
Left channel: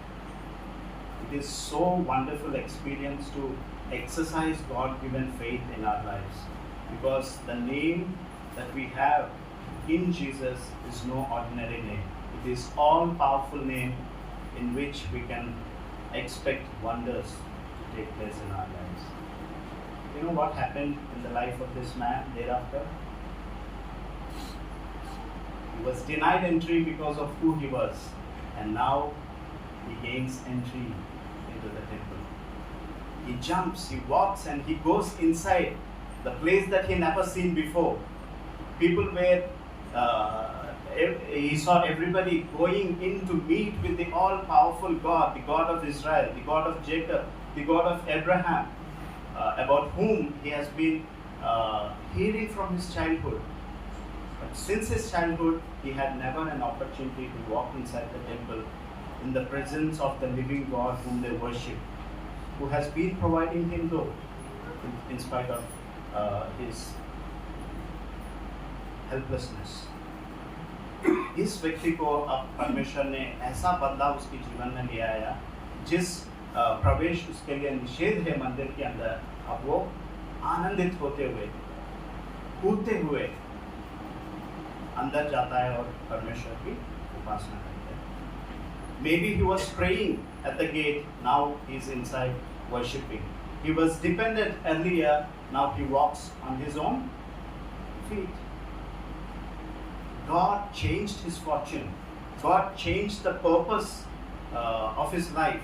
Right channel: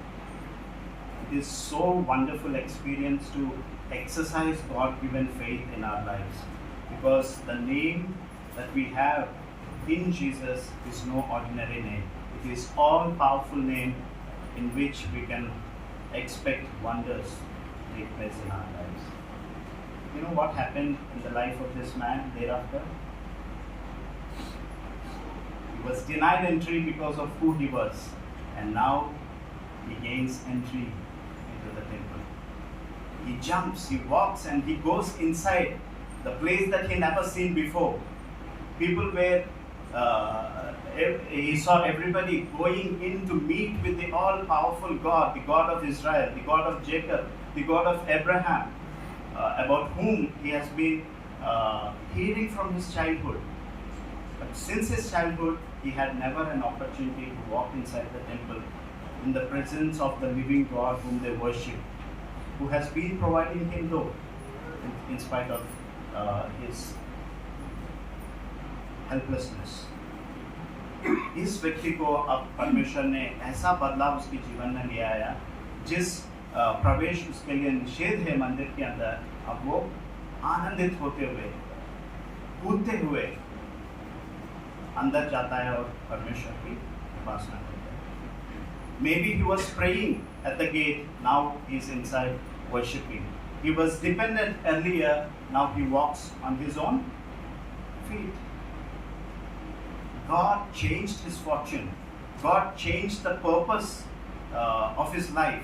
It is so wonderful experience to exercise God-given faith in our lives, because the name that we have in Jesus is no ordinary name. It is all-powerful name in which we can expect wonders to take place in our lives. You know what happened in the life of this man thereafter? He was denied entry because of who he was, and now he gains entry into the temple. He jumps, he walks, and he goes inside the place that he never seen before. People were, he saw everybody going in to meet with the all-powerful God, the God of Israel, the God of Jacob, the God of Abraham, about whom he has been hearing from his childhood. But since his childhood, he had never an opportunity to walk inside the temple in the presence of the living God whom they worship, who has been providing him though, in spite of his helplessness. इस व्यक्ति को अब परमेश्वर ने ऐसा बदलाव उसके जीवन में ले आया, जिस प्रवेश उसके लिए निषेध है मंदिर के अंदर, अब वो आनंदित होते हुए, कूदते हुए अंदर जाता है और परमेश्वर की उपासना करता है। Maybe he was praying at the gate, now he's inside worshiping. He was dependent earlier, now he walks on his own feet. God changed his fortune. God changed the purpose of his life.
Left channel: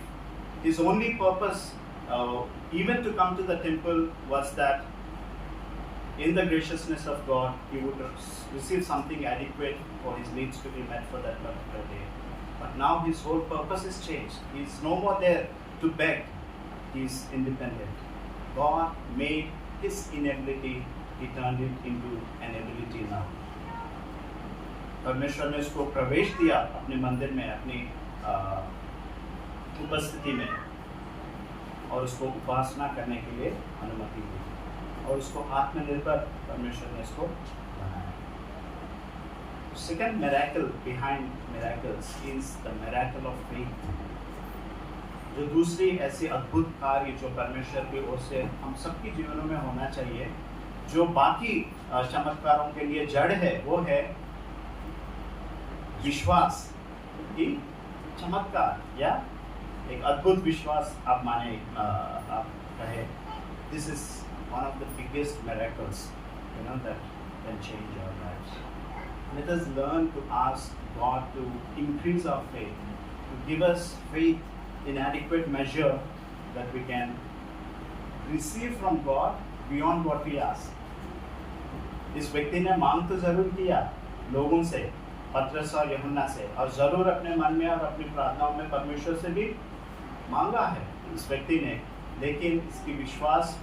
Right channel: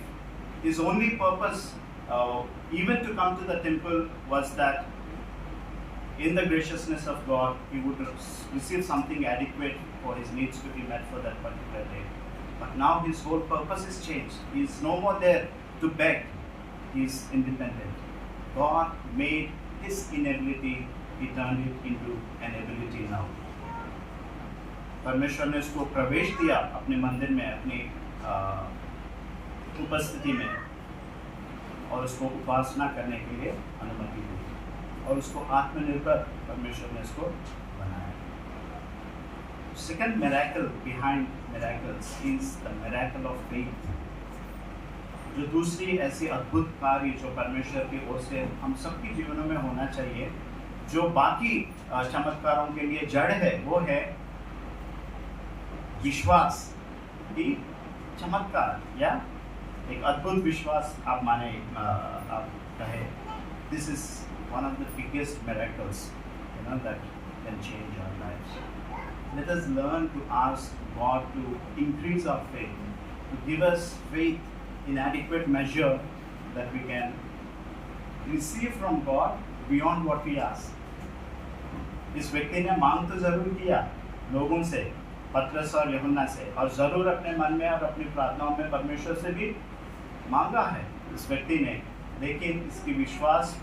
His only purpose, even to come to the temple, was that in the graciousness of God, he would receive something adequate for his needs to be met for that particular day. But now his whole purpose is changed. He is no more there to beg. He is independent. God made his inability, he turned it into an ability now. परमेश्वर ने उसको प्रवेश दिया अपने मंदिर में, अपनी उपस्थिति में, और उसको उपासना करने के लिए अनुमति दी, और उसको आत्मनिर्भर परमेश्वर ने उसको बनाया। Second miracle behind miracles is the miracle of faith. जो दूसरी ऐसी अद्भुत कार्य जो परमेश्वर की ओर से हम सबके जीवनों में होना चाहिए, जो बाकी चमत्कारों के लिए जड़ है, वो है विश्वास की चमत्कार, या एक अद्भुत विश्वास आप माने, आप कहे। This is one of the biggest miracles, that can change our lives. Let us learn to ask God to increase our faith, to give us faith in adequate measure that we can receive from God beyond what we ask. इस व्यक्ति ने मांग तो जरूर किया लोगों से, पतरस और यूहन्ना से, और जरूर अपने मन में और अपनी प्रार्थनाओं में परमेश्वर से भी मांगा है इस व्यक्ति ने, लेकिन इसकी विश्वास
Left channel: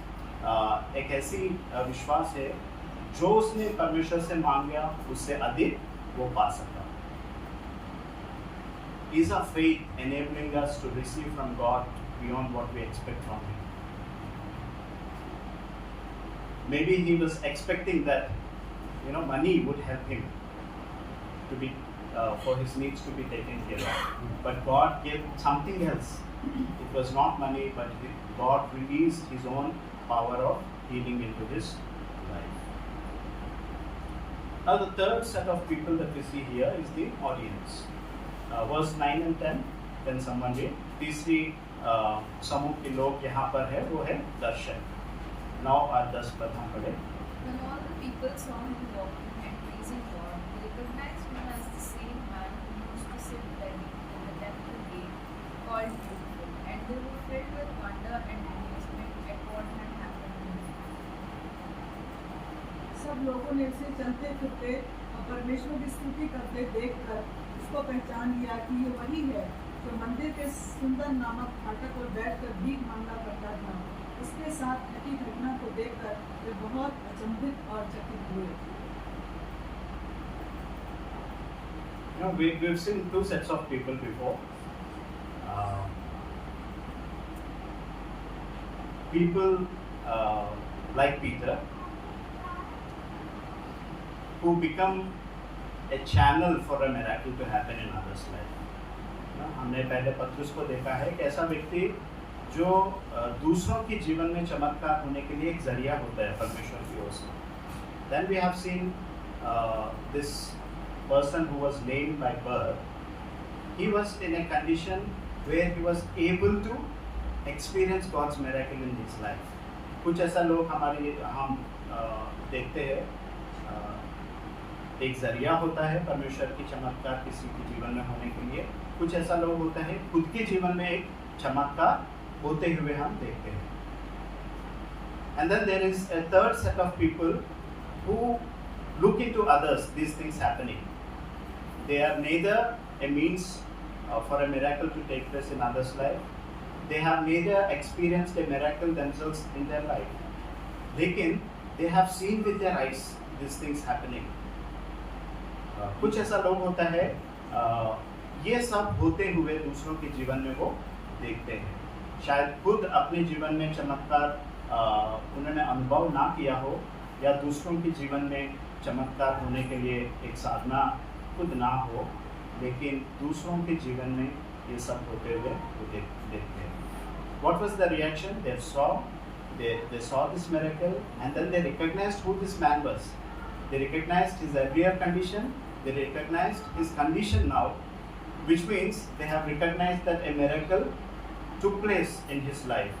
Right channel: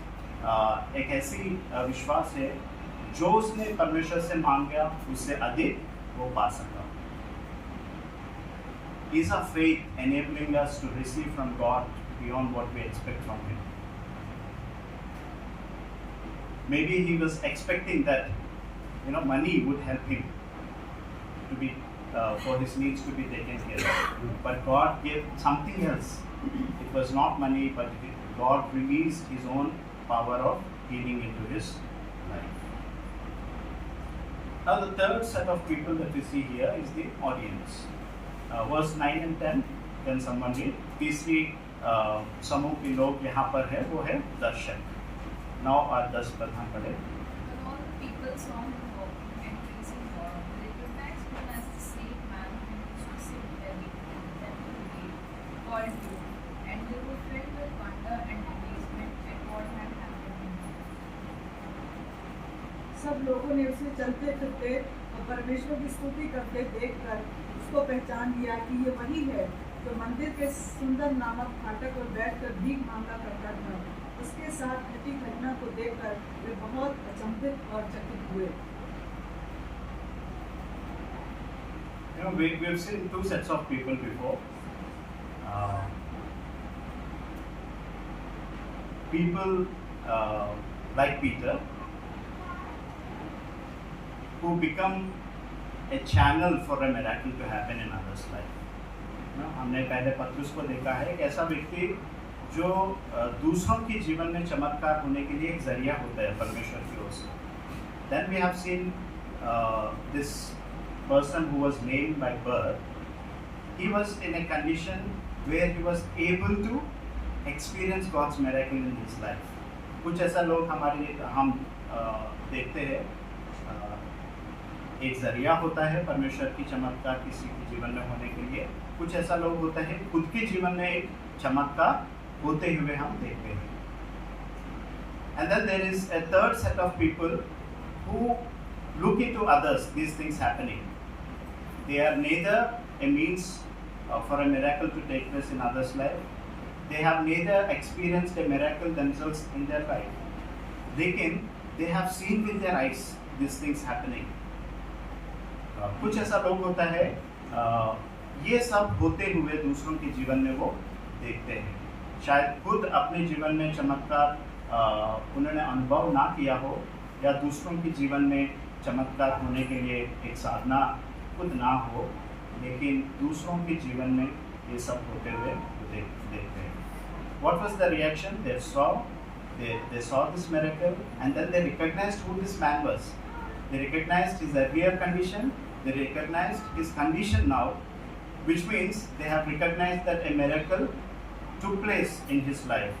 एक ऐसी विश्वास है जो उसने परमेश्वर से मांगा उससे अधिक वो पा सका। Is our faith enabling us to receive from God beyond what we expect from Him? Maybe he was expecting that, money would help him to be for his needs to be taken care of, but God gave something else. It was not money, but God released His own power of healing into his life. Now the third set of people that we see here is the audience. Verse 9 and 10, can someone read? तीसरी समूह के लोग यहाँ पर है, वो है दर्शक। 9 और 10 प्रधान पढ़े। When all the people saw him walking and praising God, they recognized him as the same man who used to sit begging in the temple gate called Beautiful, and they were filled with wonder and amazement at what had happened to him. सब लोगों ने उसे चलते फिरते और परमेश्वर की स्तुति करते देखकर उसको पहचान लिया कि ये वही है जो मंदिर के सुंदर नामक फाटक पर बैठकर भीख मांगा करता था। उसके साथ घटी घटना को देखकर वे बहुत अचंभित और चकित हुए। We've seen two sets of people before. People like Peter, who become a channel for a miracle to happen in others' life. हमने पहले पतरस को देखा है, एक ऐसा व्यक्ति जो दूसरों के जीवन में चमत्कार होने के लिए एक जरिया होता है परमेश्वर की ओर से। Then we have seen this person who was lame by birth. He was in a condition where he was able to experience God's miracle in his life. कुछ ऐसा लोग हम देखते हैं, एक जरिया होता है परमेश्वर की चमत्कार किसी के जीवन में होने के लिए। कुछ ऐसा लोग होता है खुद के जीवन में एक चमत्कार होते हुए हम देखते हैं। And then there is a third set of people who look into others, these things happening. They are neither a means for a miracle to take place in others' life. They have neither experienced a miracle themselves in their life. लेकिन they have seen with their eyes these things happening. कुछ ऐसा लोग होता है ये सब होते हुए दूसरों के जीवन में वो देखते हैं। शायद खुद अपने जीवन में चमत्कार उन्होंने अनुभव ना किया हो, या दूसरों के जीवन में चमत्कार होने के लिए एक साधना खुद ना हो, लेकिन दूसरों के जीवन में ये सब होते हुए देखते हैं. What was the reaction? They saw this miracle, and then they recognized who this man was. They recognized his earlier condition. They recognized his condition now, which means they have recognized that a miracle took place in his life.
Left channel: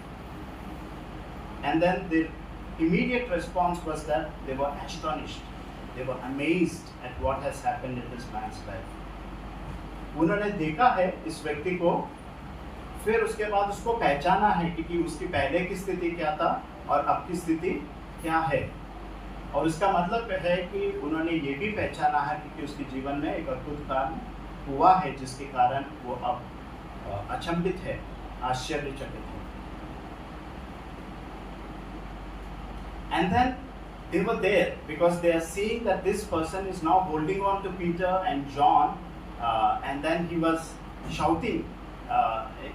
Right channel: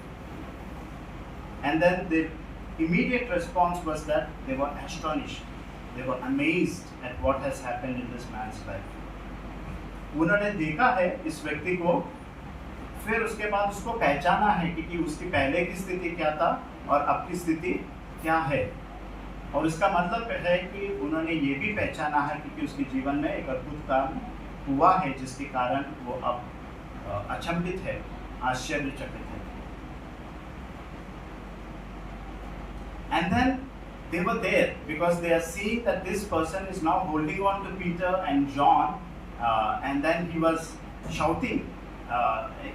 And then the immediate response was that they were astonished. They were amazed at what has happened in this man's life. उन्होंने देखा है इस व्यक्ति को, फिर उसके बाद उसको पहचाना है कि उसकी पहले की स्थिति क्या था और अब की स्थिति क्या है. और इसका मतलब है कि उन्होंने ये भी पहचाना है कि उसके जीवन में एक अद्भुत काम हुआ है जिसके कारण वो अब अचंभित है, आश्चर्यचकित है. And then they were there because they are seeing that this person is now holding on to Peter and John, and then he was shouting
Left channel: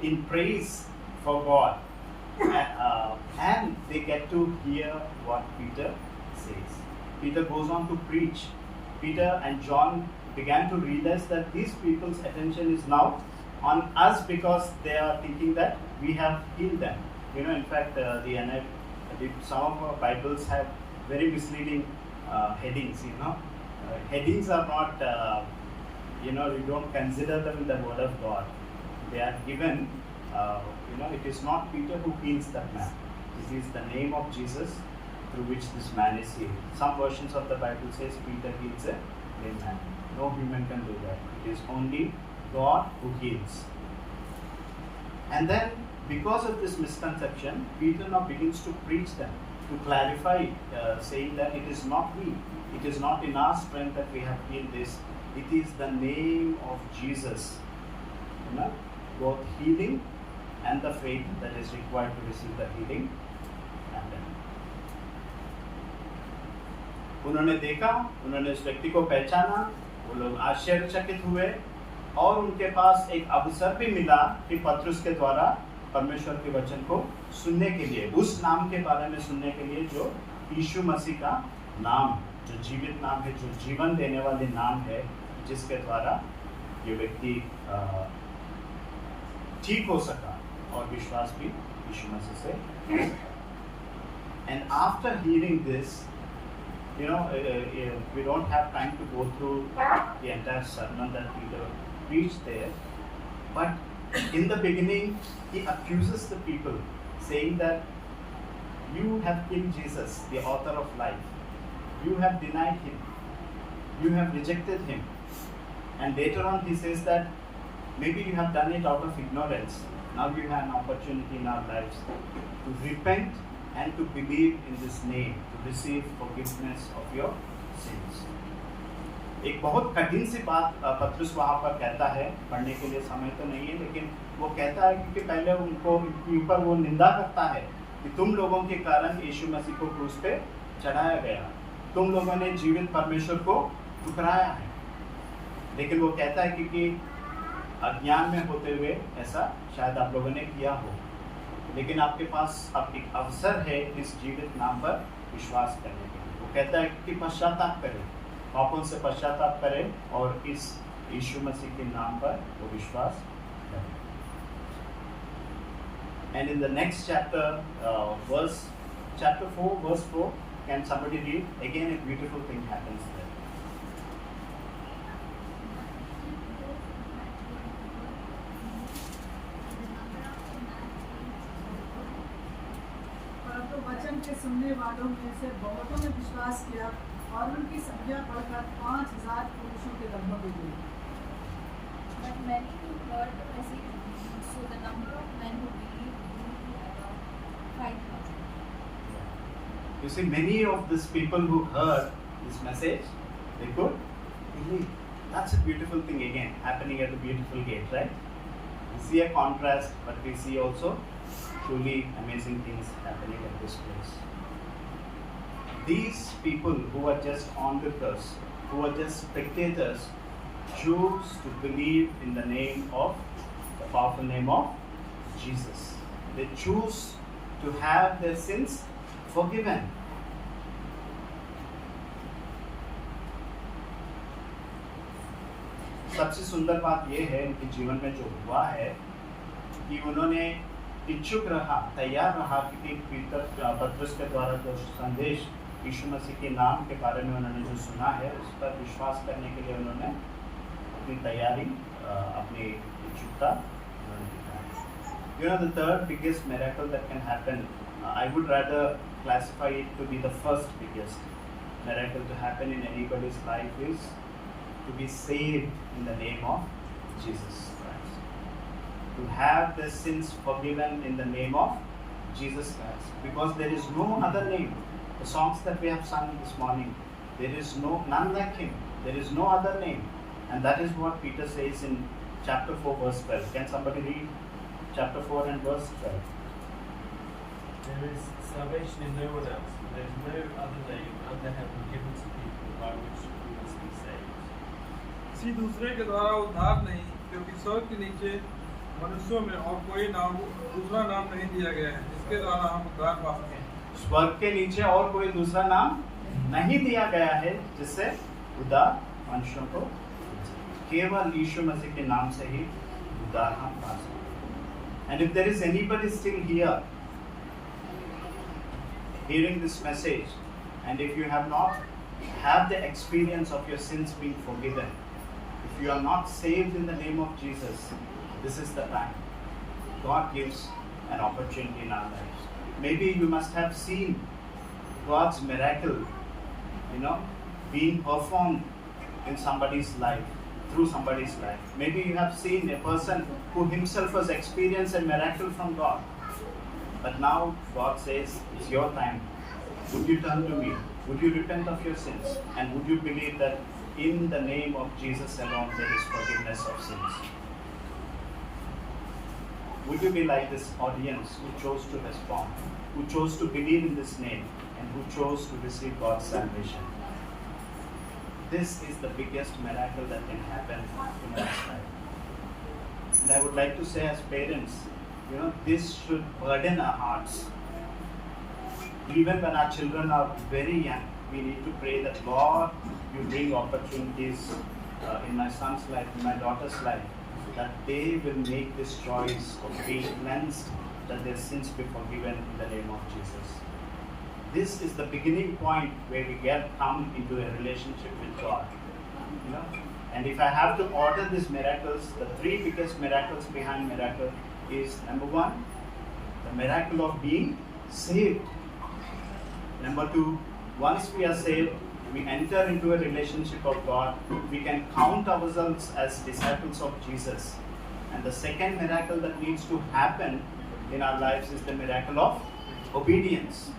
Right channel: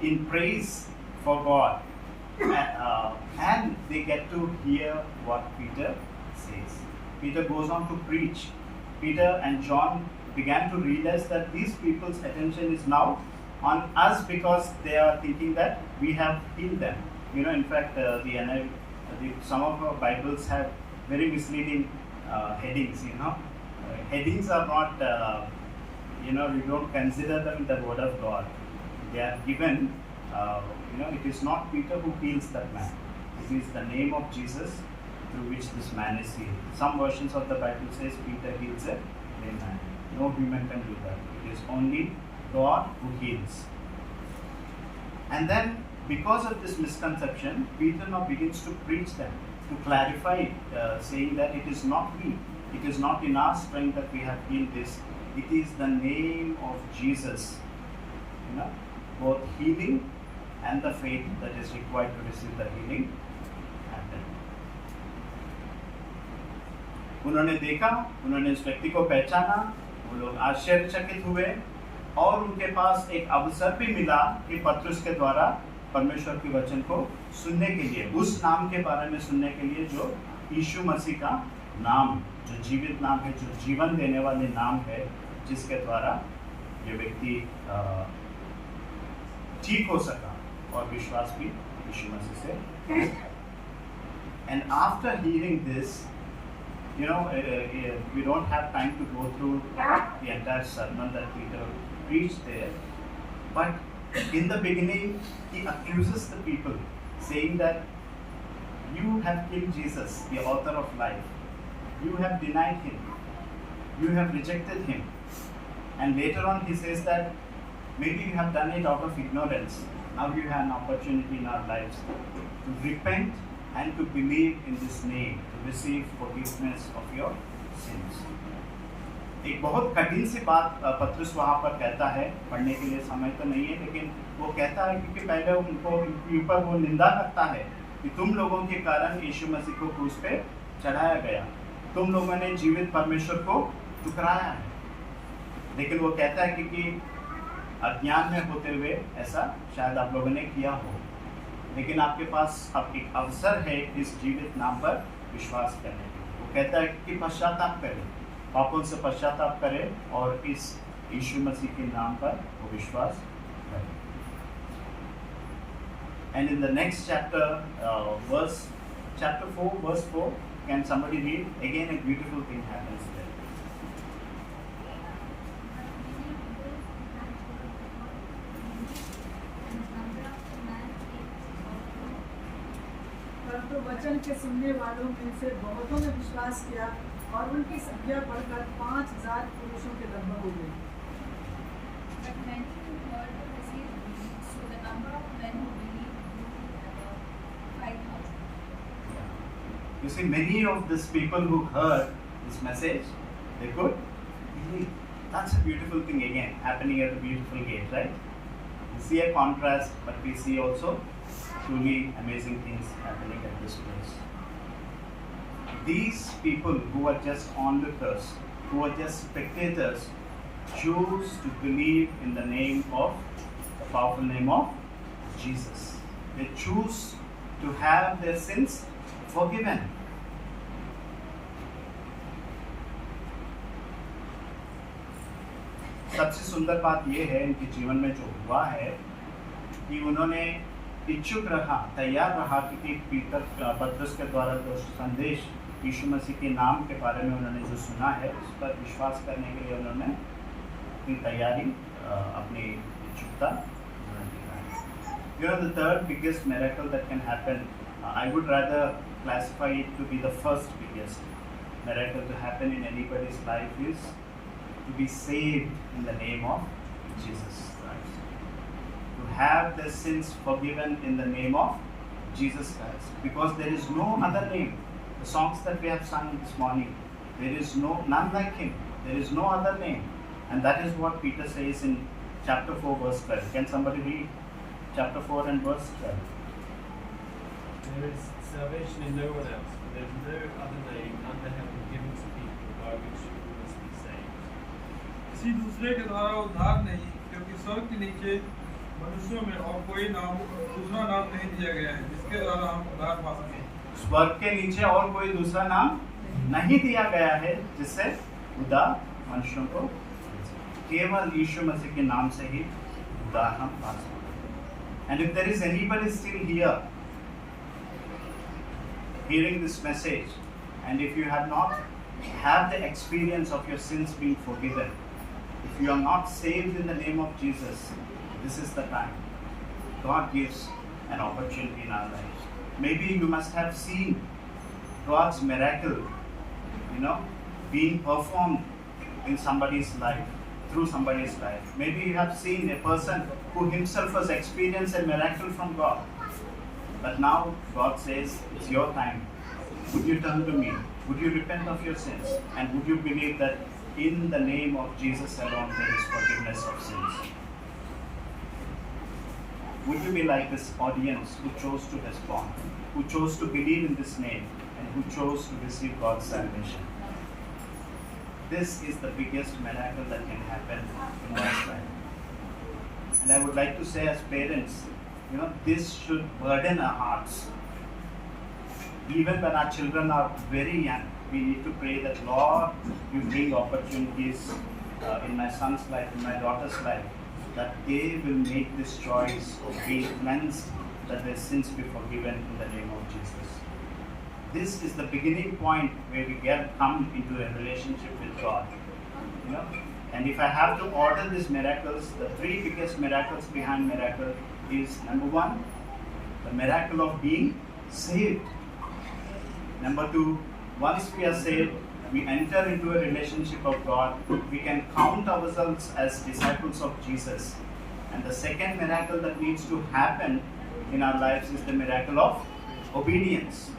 in praise for God, and they get to hear what Peter says. Peter goes on to preach. Peter and John began to realize that these people's attention is now on us because they are thinking that we have healed them. You know, in fact, some of our Bibles have very misleading headings. You know, headings are not. We don't consider them the word of God. They are given. It is not Peter who heals that man. It is the name of Jesus through which this man is healed. Some versions of the Bible says Peter heals a lame man. No human can do that. It is only God who heals. And then, because of this misconception, Peter now begins to preach them, to clarify, saying that it is not we, it is not in our strength that we have healed this. It is the name of Jesus. Both healing and the faith that is required to receive the healing happen. उन्होंने देखा, उन्होंने उस व्यक्ति को पहचाना, वो लोग आश्चर्यचकित हुए और उनके पास एक अवसर भी मिला कि पतरस के द्वारा परमेश्वर के वचन को सुनने के लिए, उस नाम के बारे में सुनने के लिए जो यीशु मसीह का नाम, जो जीवित नाम है, जो जीवन देने वाले नाम है, जिसके द्वारा ये व्यक्ति ठीक हो सका और विश्वास भी यीशु मसीह से. And after hearing this, we don't have time to go through the entire sermon that Peter preached there, but in the beginning he accuses the people, saying that you have killed Jesus, the author of life. You have denied him. You have rejected him. And later on he says that maybe you have done it out of ignorance. Now you have an opportunity in our lives to repent and to believe in this name, to receive forgiveness of your sins. एक बहुत कठिन सी बात पतरस वहाँ पर कहता है, पढ़ने के लिए समय तो नहीं है, लेकिन वो कहता है क्योंकि पहले उनको ऊपर वो निंदा करता है कि तुम लोगों के कारण यीशु मसीह को क्रूस पे चढ़ाया गया, तुम लोगों ने जीवित परमेश्वर को ठुकराया है. लेकिन वो कहता है क्योंकि अज्ञान में होते हुए ऐसा शायद आप लोगों ने किया हो, लेकिन आपके पास अब एक अवसर है इस जीवित नाम पर विश्वास करने के लिए. वो कहता है कि पश्चाताप करें, पापों से पश्चाताप करें और इस यीशु मसीह के नाम पर वो विश्वास करें. And in the next chapter, chapter 4, verse 4, can somebody read? Again, a beautiful thing happens there. परंतु वचन के सुनने वालों में से बहुतों ने विश्वास किया और उनकी संख्या बढ़कर 5,000 पुरुषों के लगभग हो गई. But many who heard received believed, so the number of men who believed grew to about 5,000. You see, many of these people who heard this message, they could believe. That's a beautiful thing again, happening at the beautiful gate, right? We see a contrast, but we see also truly amazing things happening at this place. These people who were just onlookers, who were just spectators, choose to believe in the name of, the powerful name of Jesus. They choose to have their sins forgiven. सबसे सुंदर बात यह है इनके जीवन में जो हुआ है कि उन्होंने इच्छुक रहा, तैयार रहा कि पतरस के द्वारा जो संदेश यीशु मसीह के नाम के बारे में उन्होंने जो सुना है उस पर विश्वास करने के लिए उन्होंने अपनी तैयारी, अपनी इच्छुकता उन्होंने दिखाई। You know, the third biggest miracle that can happen, I would rather classify it to be the first biggest miracle to happen in anybody's life is to be saved in the name of Jesus Christ. To have their sins forgiven in the name of Jesus Christ. Because there is no other name. The songs that we have sung this morning, there is none like Him. There is no other name. And that is what Peter says in chapter 4 verse 12. Can somebody read chapter 4 and verse 12? There is salvation in no one else, for there is no other name under heaven given to people by which we must be saved. किसी दूसरे के द्वारा उद्धार नहीं, क्योंकि स्वर्ग के नीचे मनुष्यों में और कोई नाम, दूसरा नाम नहीं दिया गया है जिसके द्वारा हम उद्धार पा सकें। स्वर्ग के नीचे और कोई दूसरा नाम नहीं दिया गया है जिससे उद्धार मनुष्यों को, केवल यीशु मसीह के नाम से ही उद्धार हम पा सकते। And if there is anybody still here hearing this message, and if you have not had the experience of your sins being forgiven, if you are not saved in the name of Jesus, this is the time. God gives an opportunity in our lives. Maybe you must have seen God's miracle, being performed in somebody's life, through somebody's life. Maybe you have seen a person who himself has experienced a miracle from God. But now God says, it's your time. Would you turn to me? Would you repent of your sins? And would you believe that in the name of Jesus alone there is forgiveness of sins? Would you be like this audience who chose to respond, who chose to believe in this name, and who chose to receive God's salvation? This is the biggest miracle that can happen in one's life. And I would like to say as parents, this should burden our hearts. Even when our children are very young, we need to pray that, Lord, you bring opportunities in my son's life, in my daughter's life, that they will make this choice of being cleansed, that their sins be forgiven in the name of Jesus. This is the beginning point where we come into a relationship with God. And if I have to order these miracles, the three biggest miracles behind miracle is, number one, the miracle of being saved. Number two, once we are saved, we enter into a relationship of God, we can count ourselves as disciples of Jesus. And the second miracle that needs to happen in our lives is the miracle of obedience.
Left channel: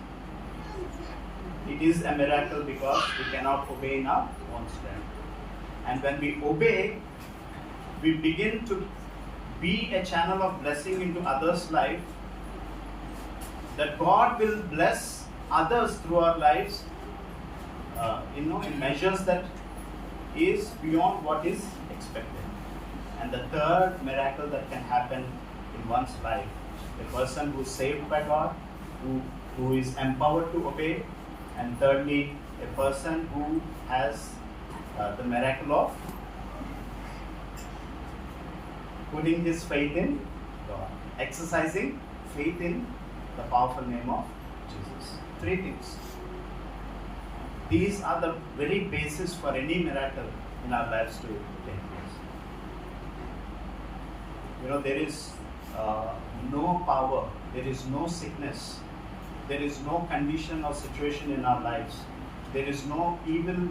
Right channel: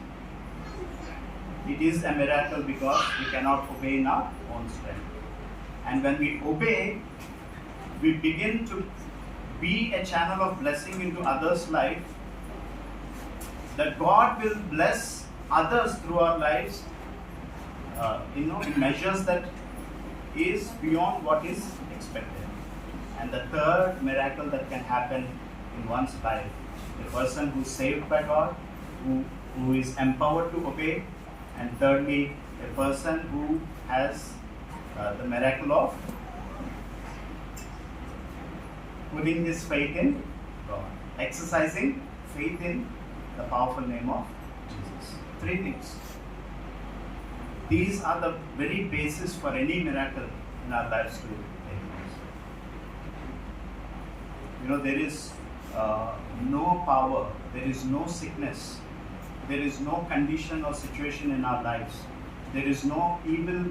It is a miracle because we cannot obey in our own strength. And when we obey, we begin to be a channel of blessing into others' life, that God will bless others through our lives, in measures that is beyond what is expected. And the third miracle that can happen in one's life, the person who is saved by God, who is empowered to obey, and thirdly, a person who has the miracle of putting his faith in God, exercising faith in the powerful name of Jesus. Three things. These are the very basis for any miracle in our lives to take place. There is no power, there is no sickness, there is no condition or situation in our lives, there is no evil,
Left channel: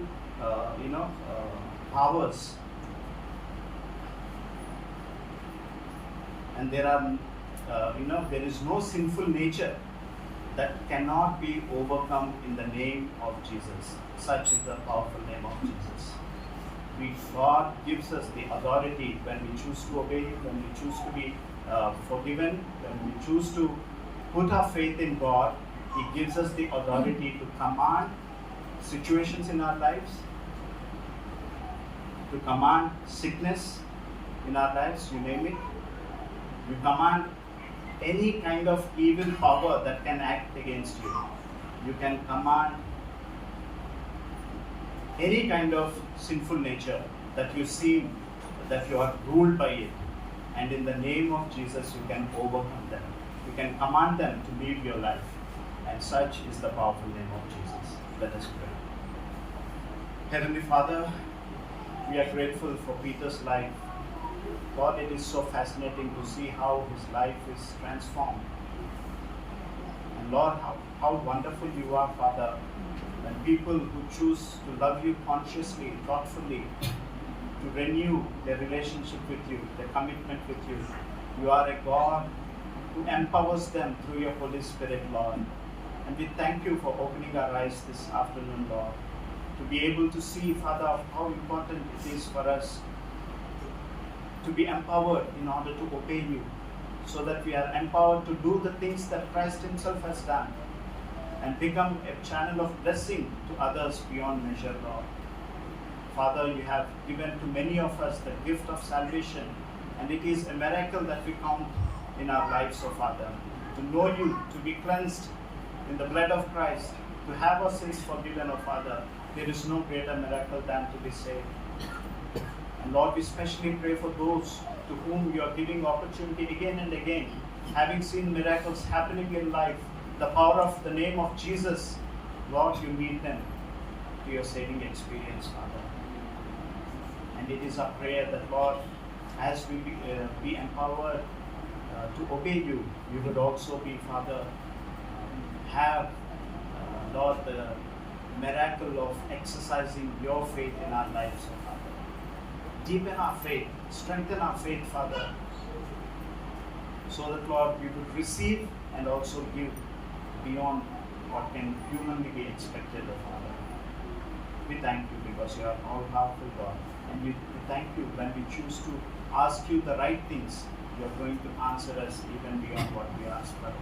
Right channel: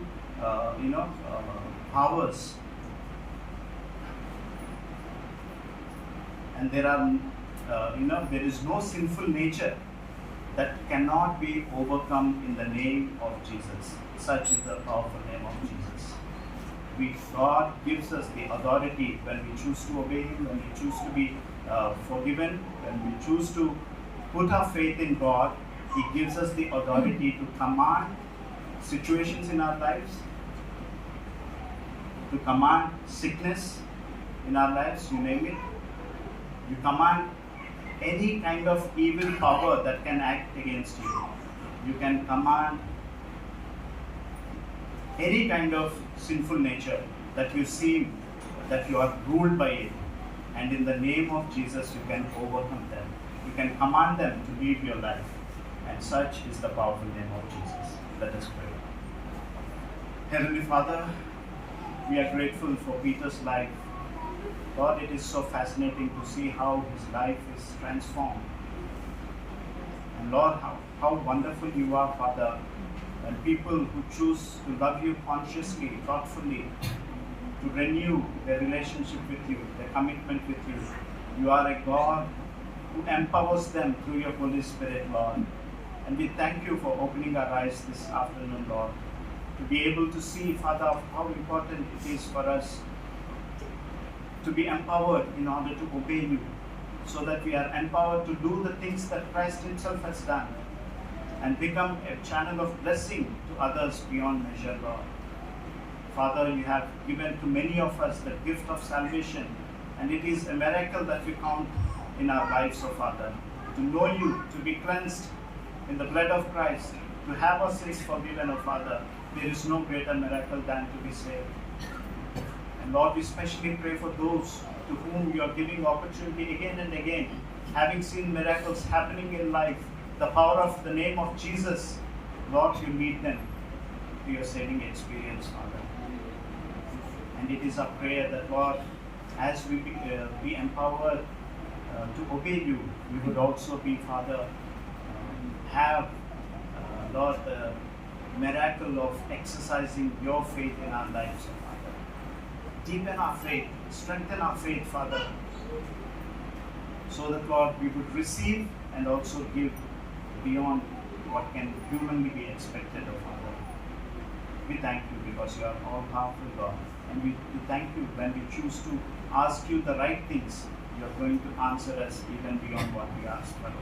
powers, and there is no sinful nature that cannot be overcome in the name of Jesus. Such is the powerful name of Jesus. God gives us the authority when we choose to obey Him, when we choose to be forgiven, when we choose to put our faith in God. He gives us the authority to command situations in our lives, to command sickness in our lives, you name it. You command any kind of evil power that can act against you. You can command any kind of sinful nature that you seem that you are ruled by it. And in the name of Jesus, you can overcome them. You can command them to live your life. And such is the powerful name of Jesus. Let us pray. Heavenly Father, we are grateful for Peter's life. God, it is so fascinating to see how his life is transformed. And Lord, how wonderful you are, Father, when people who choose to love you consciously, thoughtfully, to renew their relationship with you, their commitment with you. You are a God who empowers them through your Holy Spirit, Lord. And we thank you for opening our eyes this afternoon, Lord, to be able to see, Father, how important it is for us to be empowered in order to obey you, so that we are empowered to do the things that Christ himself has done and become a channel of blessing to others beyond measure, Lord. Father, you have given to many of us the gift of salvation, and it is a miracle that we count in our lives, oh Father. To know you, to be cleansed in the blood of Christ, to have our sins forgiven, oh Father, there is no greater miracle than to be saved. And Lord, we especially pray for those to whom you are giving opportunity again and again, having seen miracles happening in life, the power of the name of Jesus. Lord, you meet them to your saving experience, Father. And it is our prayer that, Lord, as we be empowered to obey you, we would also be, Father, have, Lord, the miracle of exercising your faith in our lives, Father. Deepen our faith, strengthen our faith, Father, so that, Lord, we would receive and also give beyond what can humanly be expected of Father. We thank you because you are all powerful, God. And we thank you when we choose to ask you the right things, you are going to answer us even beyond what we ask for.